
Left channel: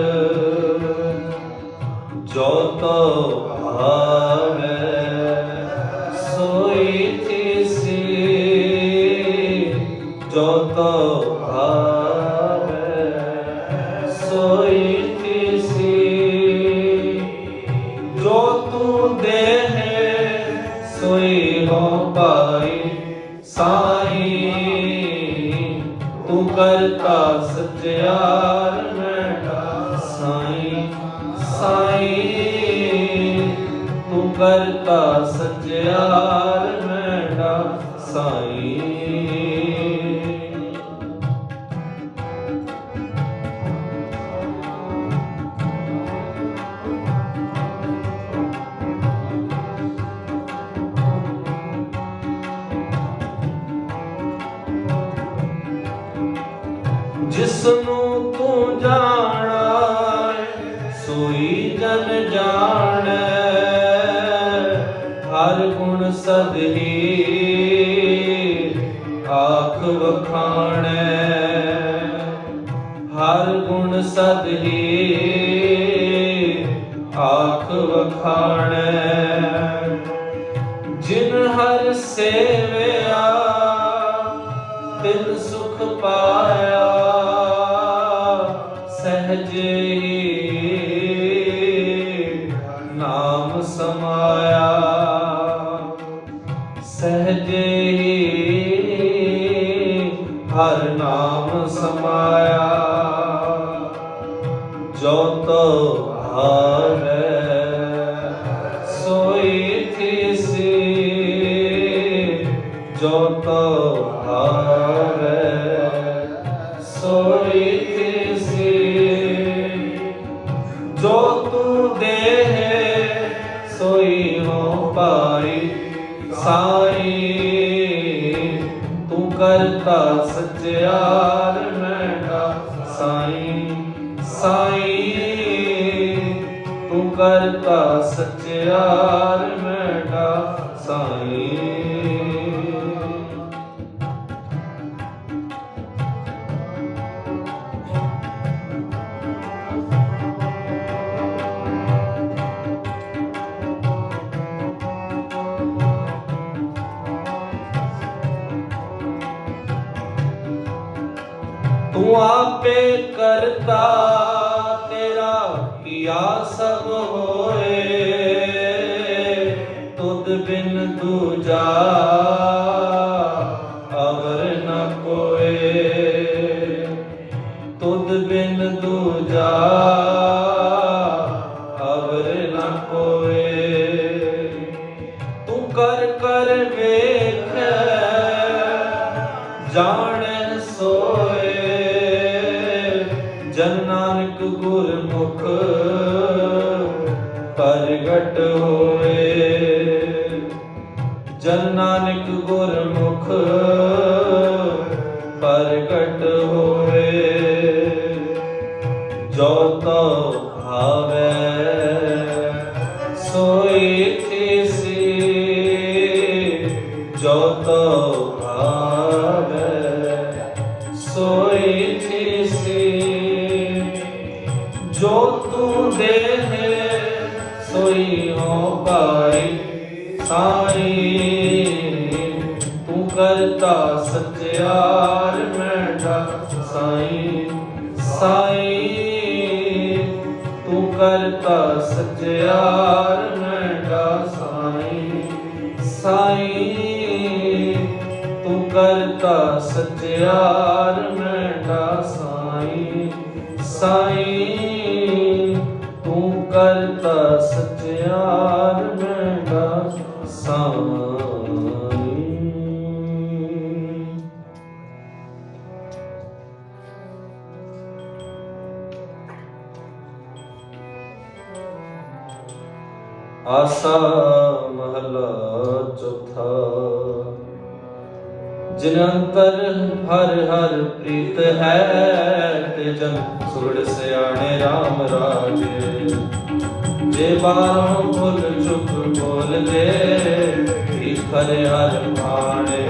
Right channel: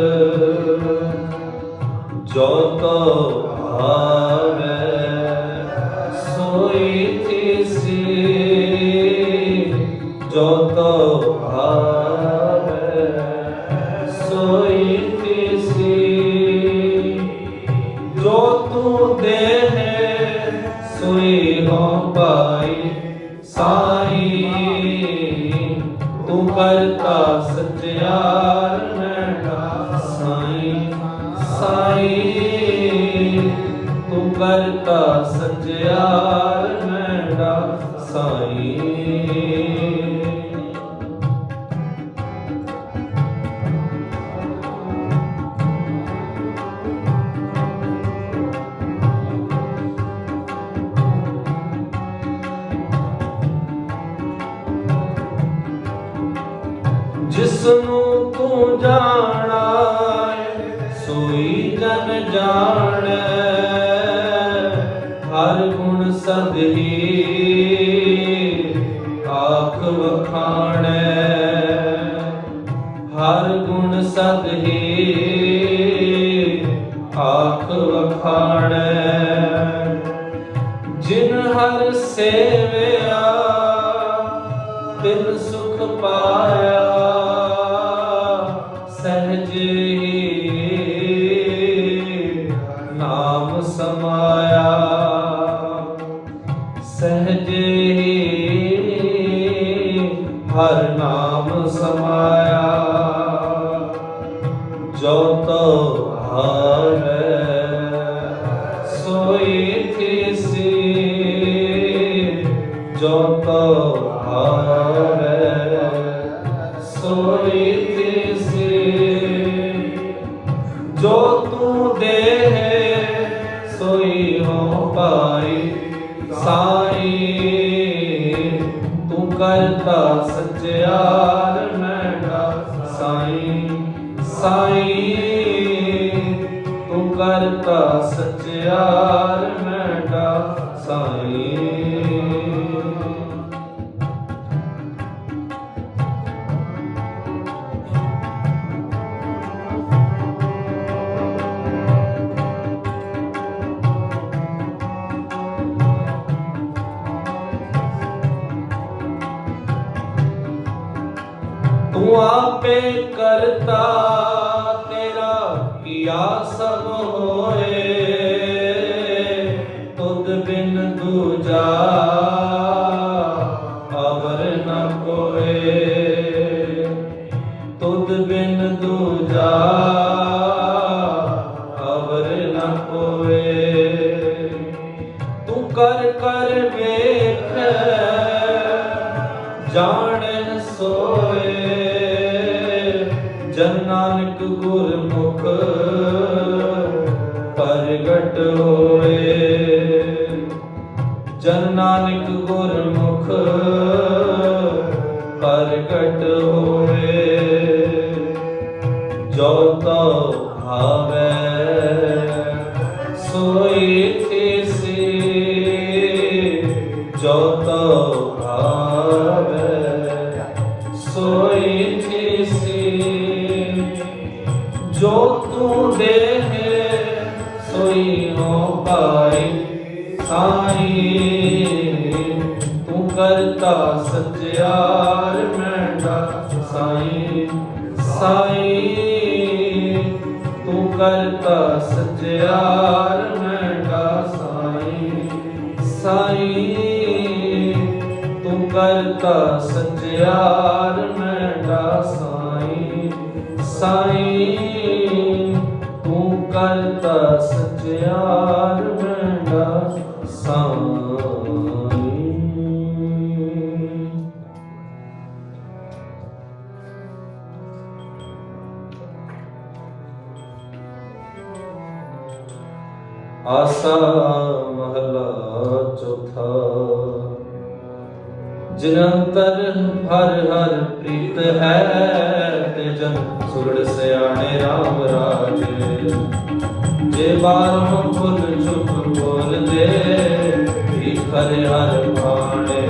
जो तो आवे सोई थी जो तो आवे सोई थी जो तू दे सोई हो पाई साईं तू करता सच्चार मैना साईं साईं तू करता सच्चार मैना साईं ਜਿਸਨੂੰ ਤੂੰ ਜਾਣਾ ਸੋਈ ਜਨ ਜਾਣੈ ਹਰ ਗੁਣ ਸਦਹੀ ਆਖ ਵਖਾਣੈ ਹਰ ਗੁਣ ਸਦਹੀ ਆਖ ਵਖਾਣੈ ਜਿਨ ਹਰ ਸੇਵਿਆ ਤਿਨ ਸੁਖ ਪਾਇਆ ਸਹਜੇ ਨਾਮ ਸਮਾਇਆ ਸਹਜੇ ਹਰ ਨਾਮ ਸਮਾਇਆ ਜੋ ਤੋ ਭਾਵੈ ਸੋਈ ਥੀਸੀ ਜੋ ਤੋ ਭਾਵੈ ਸੋਈ ਥੀਸੀ ਜੋ ਤੂੰ ਦੇਹ ਸੋਈ ਹੋ ਪਾਈ ਸਾਈ ਤੂੰ ਕਰਤਾ ਸਚਿਆਰ ਮੈਂਡਾ ਸਾਈ ਸਾਈ ਤੂੰ ਕਰਤਾ ਸਚਿਆਰ ਮੈਂਡਾ ਸਾਈ ਤੂੰ ਆਪੇ ਕਰਤਾ ਤੇਰਾ ਕੀਆ ਸਭ ਹੋਏ ਤੁਧ ਬਿਨ ਦੂਜਾ ਅਵਰ ਨ ਕੋਏ ਤੁਧ ਬਿਨ ਦੂਜਾ ਅਵਰ ਨ ਕੋਏ ਤੂੰ ਕਰ ਕਰ ਵੇਖ ਜਾਣੈ ਸੋਏ ਜਨ ਨਾਨਕ ਗੁਰਮੁਖ ਪ੍ਰਗਟ ਹੋਏ ਜਨ ਨਾਨਕ ਗੁਰਮੁਖ ਪ੍ਰਗਟ ਹੋਏ ਜੋ ਤੋ ਭਾਵੈ ਸੋਈ ਥੀਸੀ ਜੋ ਤੋ ਭਾਵੈ ਸੋਈ ਥੀਸੀ ਜੋ ਤੂੰ ਦੇਹ ਸੋਈ ਹੋ ਪਾਈ ਸਾਈ ਤੂੰ ਕਰਤਾ ਸਚਿਆਰ ਮੈਂਡਾ ਸਾਈ ਸਾਈ ਤੂੰ ਕਰਤਾ ਸਚਿਆਰ ਮੈਂਡਾ ਸਾਈ ਸਾਈ ਤੂੰ ਕਰਤਾ ਸਚਿਆਰ ਮੈਂਡਾ ਸਾਈ ਸਾਈ ਤੂੰ ਕਰਤਾ ਸਚਿਆਰ ਮੈਂਡਾ ਸਾਈ ਆਸਾ ਮਹਲਾ ਚੌਥਾ ਜਿਨ ਅੰਤਰ ਹਰ ਹਰ ਪ੍ਰੀਤ ਹੈ ਤੇ ਜਨ ਸੁਰੜ ਸਿਆਣੇ ਰਾਮ ਰਾਜੇ ਜੇ ਬਾਹਰੋਂ ਫੁੱਲ ਚੁੱਪ ਬੋਲਦੇ ਵੀ ਕਰੇ ਹਰ ਭਾਣੇ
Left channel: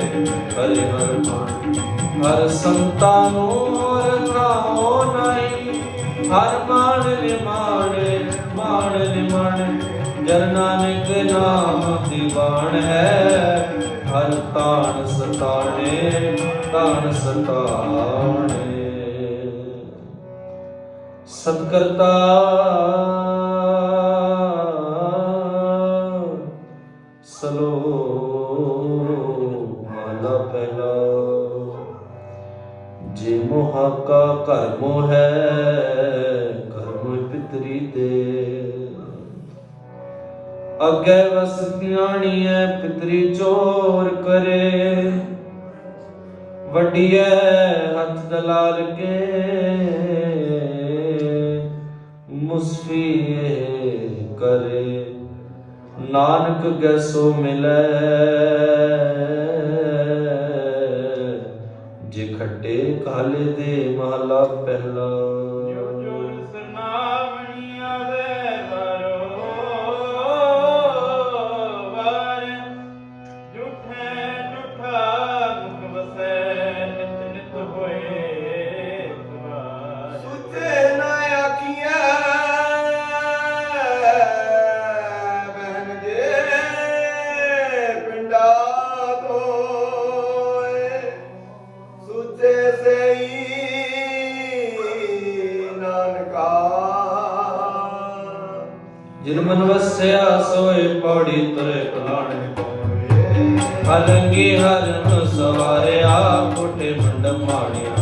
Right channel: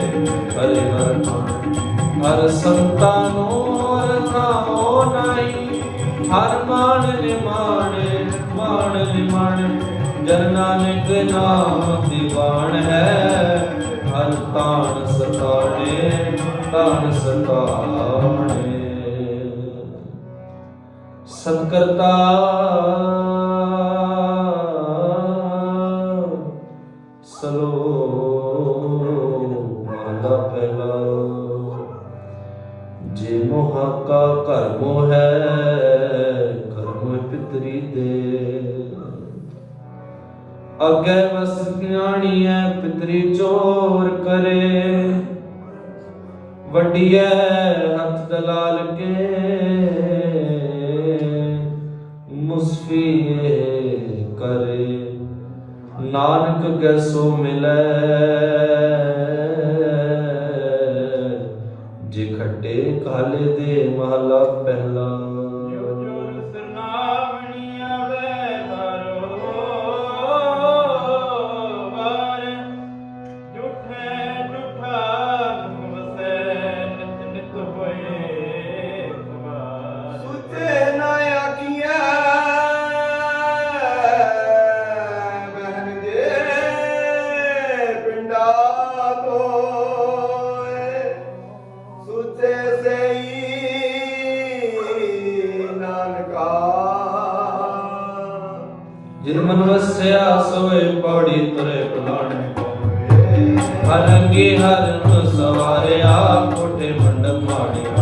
ਕਰੇ ਹਰ ਭਾਣੇ ਹਰ ਸੰਤਾਂ ਨੂੰ ਰਖਾਓ ਨਹੀਂ ਹਰ ਮਾਣ ਲਿਮਾਣੇ ਮਾਣ ਲਿਮਾਣੇ ਜਨ ਨਾਨਕ ਨਾਮ ਦੀਵਾਨ ਹੈ ਹਰ ਤਾਣ ਸਤਾਣੇ ਤਾਣ ਸਤਾਣੇ ਸਤਿਕਰਤਾ ਸਲੋਕ ਮਹਲਾ ਪਹਿਲਾ ਜੇ ਮੋਹਾ ਕਾ ਘਰ ਮੋਹ ਹੈ ਘਰ ਮੋਹ ਪਿਤਰੀ ਦੇ ਅੱਗੇ ਵਸ ਗਿਆਣੀਐ ਪਿਤਰੀ ਚੋਰ ਕਰੇ ਵੱਡੀਐ ਹੱਥ ਦਲਾਲ ਕੇ ਮੁਸਫੀ ਕਰੇ ਨਾਨਕ ਗੈਸੋ ਮਿਲੈ ਜੇ ਖੱਟੇ ਕਾਲੇ ਦੇ ਮਹਲਾ ਜਿਨ ਮਨ ਵਸਿਆ ਸੋਏ ਪੌੜੀ ਤਰੇ ਪਲਾਣੇ ਪਾਵੇ ਹਰੰਗੀ ਹਰਨ ਸਵਾਰਿਆ ਕੋਟੇ ਮੰਡਪ ਮਾੜਿਆ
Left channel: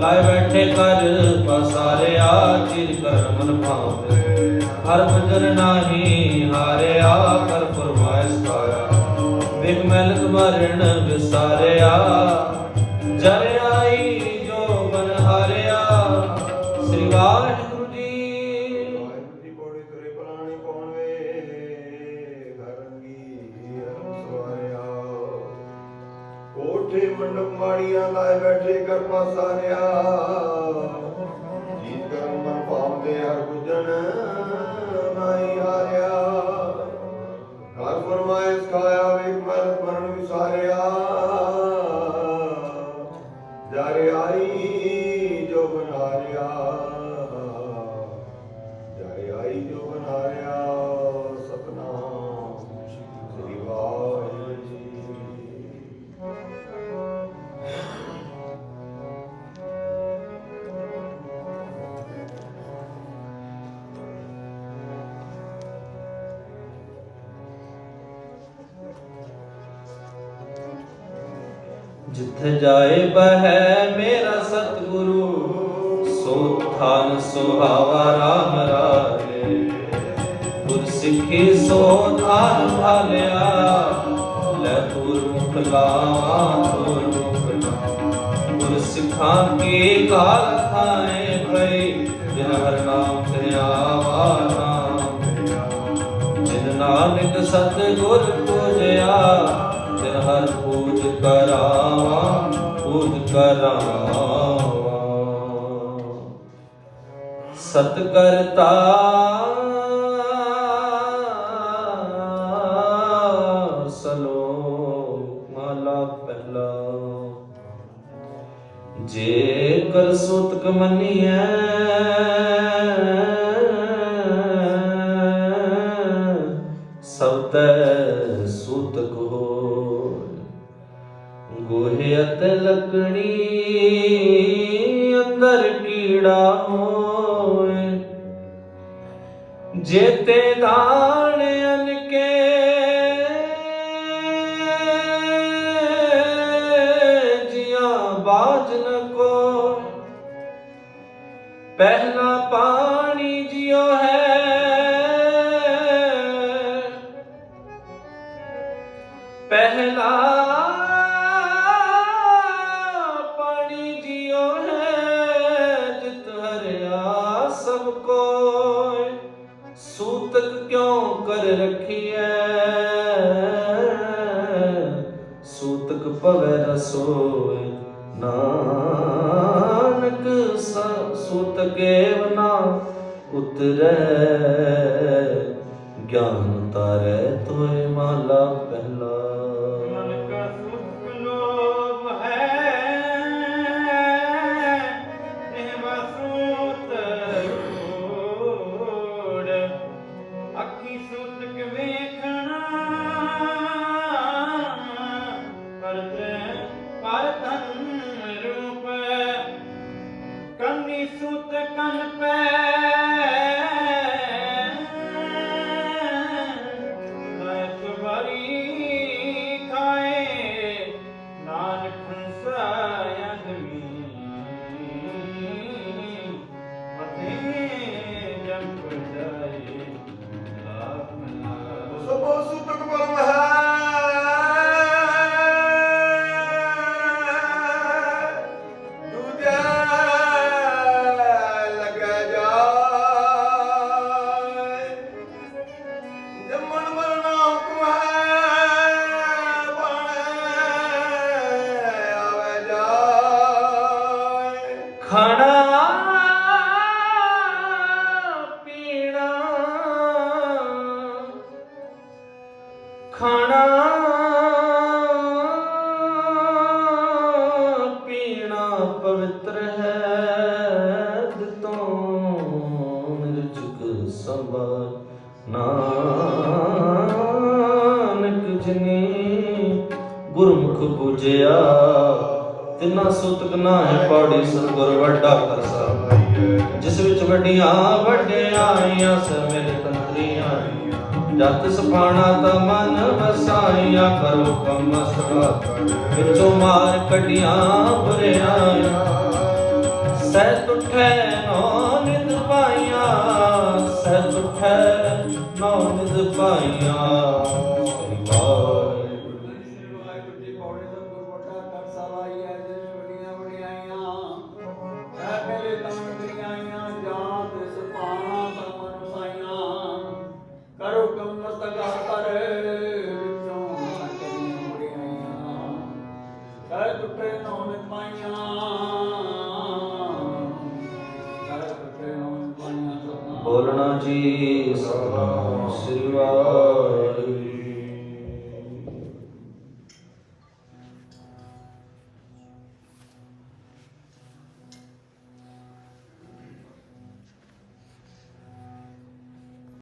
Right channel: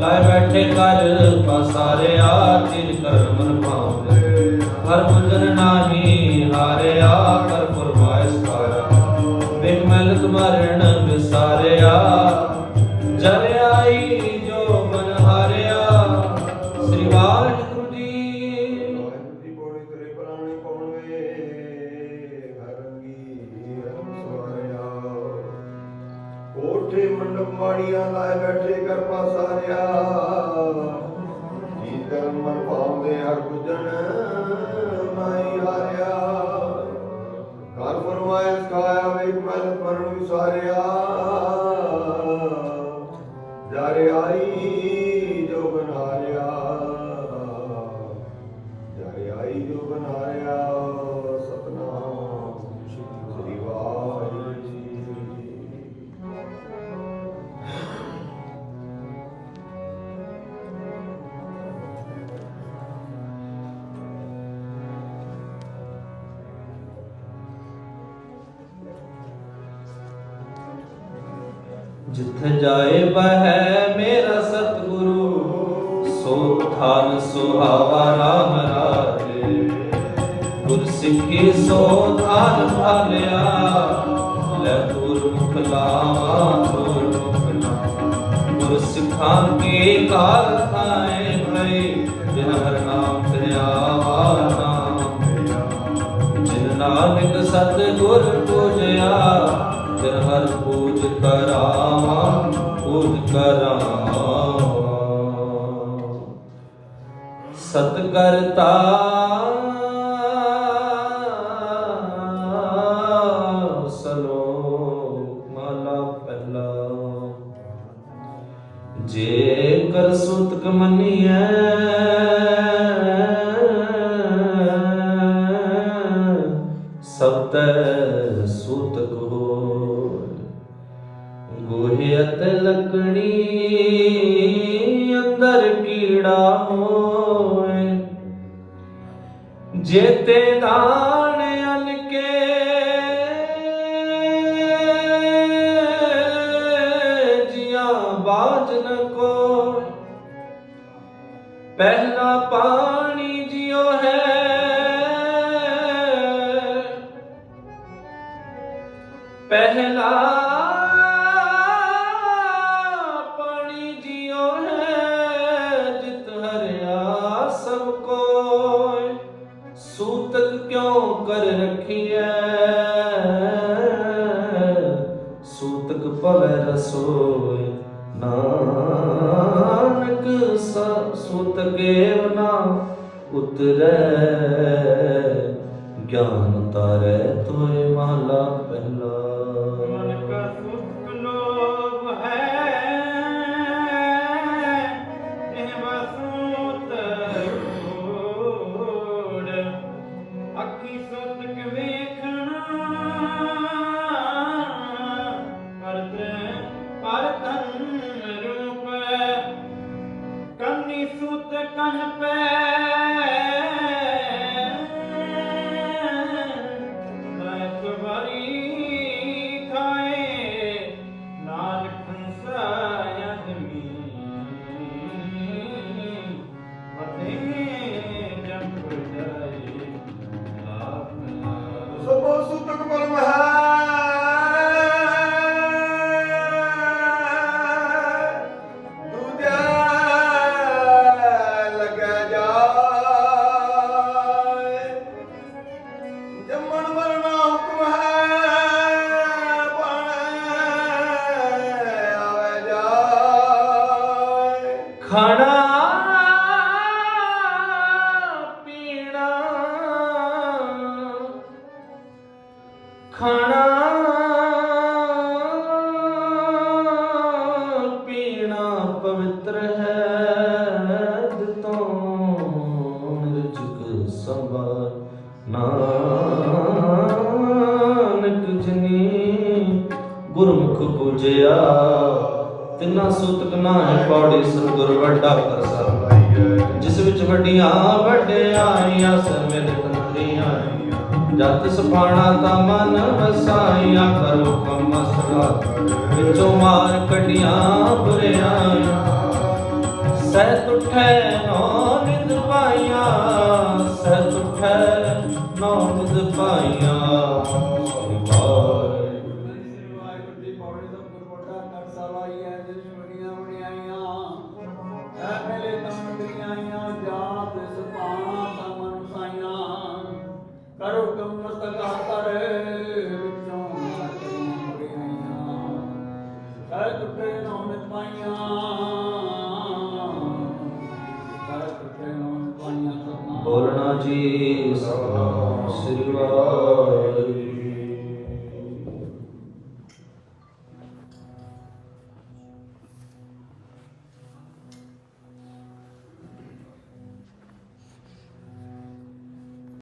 ਲਾਇ ਬੈਠੇ ਕਰ ਪਸਾਰਿਆ ਚਿਰ ਕਰ ਮਨ ਭਾਵੇ ਹਰ ਮੰਦਰ ਨਾਹੀ ਹਾਰਿਆ ਕਰ ਫਰਮਾਇਸ਼ ਪਾਇਆ ਬਿਨ ਮਲ ਤੁਮਾਰਣ ਵਿਸਾਰਿਆ ਜਰ ਆਈ ਜੋ ਮਨ ਹਾਰਿਆ ਸ੍ਰੀ ਵਾਹਿਗੁਰੂ ਜੀ। ਦੀ ਪੌੜੀ ਤੇਰੇ ਪਲਾਣੇ ਪਾਉਣੇ ਘਰੰਗੀ ਸਵਾਰਿਆ ਕੋਠੇ ਮੰਡਪ ਮਾੜੀਆਂ ਲਾਏ ਬੈਠੇ ਕਰ ਪਾਸਾਰਿਆ ਜੀ ਕਰਮ ਮਨ ਭਾਉਂਦੇ ਹਰ ਗੁਜਨ ਨਾਹੀ ਹਾਰਿਆ ਕਰ ਫਰਮਾਇਸ਼ ਖਾਇਆ ਵੇਖ ਮਨ ਮਰਨ ਵਿਸਾਰਿਆ ਜਰ ਆਈ ਜੋ ਬਨਾਰਿਆ ਜਰ ਆਈ ਜੋ ਬਨਾਰਿਆ ਸਤਨਾਮ ਸ੍ਰੀ ਵਾਹਿਗੁਰੂ ਜੀ। ਜਿੱਥੇ ਜਾਏ ਬਹਿ ਮੇਰਾ ਸਤਿਗੁਰੂ ਸੋ ਥਾਨ ਸੁਹਾਵਾ ਰਾਮ ਰਾਜੇ ਗੁਰ ਸਿੱਖੀ ਸੋ ਥਾਨ ਭਾਲਿਆ ਲੈ ਗੁਰਮੁਖ ਲਾਵਾਂ ਗੁਰ ਸਿੱਖਾਂ ਕੀ ਕਾਲ ਖਾਏ ਭਈ ਜਿਨ ਹਰ ਨਾਮ ਧਿਆਵਾ ਨਾਮ ਜਿਨ ਨਾਨਕ ਸਤਿਗੁਰ ਪੂਜਿਆ ਤਿਨ ਹਰ ਪੂਜ ਕਰਾਵਾ ਪੂਜ ਕਰਾਵਾ ਸਤ ਕਰਤਾ ਸਲੋਕ ਮਹਲਾ ਪਹਿਲਾ ਜੇ ਕਰ ਸੁਤਕ ਮੰਨੀਐ ਸਬਤੈ ਸੂਤਕ ਹੋ ਗੋਹੇ ਅਤੇ ਲੱਕੜੀ ਅੰਦਰ ਕੀੜਾ ਹੋਏ ਜੇਤੇ ਦਾਣ ਅਨਕੇ ਜੀਆਂ ਬਾਜ ਨ ਕੋ ਪਹਿਲਾ ਪਾਣੀ ਜਿਉ ਹੈ ਪਹਿਲਾ ਪਾਣੀ ਜਿਉ ਹੈ ਜਿਤ ਹਰਿਆ ਸਭ ਕੋਇ ਸੂਤਕ ਕਿਉ ਕਰ ਰਖੀਐ ਸੂਤਕ ਭਵੈ ਰਸੋਇ ਨਾਨਕ ਸੂਤਕੇ ਨਾ ਉਤਰੈ ਗਿਆਨ ਤਾਰੈ ਤੋਏ ਮਹਲਾ ਪਹਿਲਾ मन का सुख लोभ है नेवा सूत रूढ़ अखी सुतक वेखना पर धन रूप कन्नी सुत कन पे ਸਭੋ ਸੂਤਕ ਪਰਮ ਹੈ ਦੂਜਾ ਲੱਗਿਆ ਜਾਏ ਜੰਮਣ ਮਰਨਾ ਹੁਕਮ ਹੈ ਪਾਣੇ ਆਵੇ ਜਾਏ ਖਾਣਾ ਖਾਣਾ ਪੀਣਾ ਪਵਿੱਤਰ ਹੈ ਦਿਤੋਂ ਨਿਰਜਕ ਸਭਾ ਨਾਨਕ ਜਿਨੀ ਗੁਰਮੁਖ ਪੂਜਿਆ ਤਿੰਨਾ ਸੂਤਕ ਨਾਹਿ ਪੌੜੀ ਸਤਿਗੁਰ ਵੱਡਾ ਕਰਤਾ ਜਿਸ ਵਿੱਚ ਵੱਡੀਆਂ ਵੱਡਿਆਈਆਂ ਸਮਿਲ ਤਰੀਆਂ ਜਤ ਸਫਾਣਾ ਤਾ ਮਨ ਵਸਾਈਆ ਕਰੋ ਕੰਮ ਸੜਾ ਵਿੱਚੋਂ ਮਾਰ ਕਟੀਆਂ ਬੁਰਿਆਈਆਂ ਸਹਿ ਤੁਠੈ ਨੌ ਨਿਤ ਪਾਈਆਂ ਸਹਿ ਤੁਠੈ ਨੌ ਨਿਤ ਪਾਈਆਂ ਵਾਹਿਗੁਰੂ ਦੀ ਪੌੜੀ ਦਾ ਵੱਡਾ ਕਰਸਾ ਲਾਈਐ ਜਿਸ ਵੱਡੀਆਂ ਵਡਿਆਈਆਂ ਐ ਪਹਿਲੇ ਤਮੰਦਰੀਆਂ ਆਈਆਂ ਜਾਂ ਤਿਸ ਪਾਣਾ ਤਮਨ ਸਾਈਆਂ ਕਰੋ ਕਮ ਮਸਤਕ ਕਰ ਵਿੱਚੋਂ ਕਰੀਆਂ ਵਡਿਆਈਆਂ ਸਹਿ ਤੁਠੇ ਨੌ ਨਿਤ ਪਾਈਆਂ ਸਹਿ ਤੁਠੇ ਨੌ ਨਿਤ ਪਾਈਆਂ ਬੋਲਣਾ ਜੀ ਸਤਿਨਾਮ ਸ੍ਰੀ ਵਾਹਿਗੁਰੂ।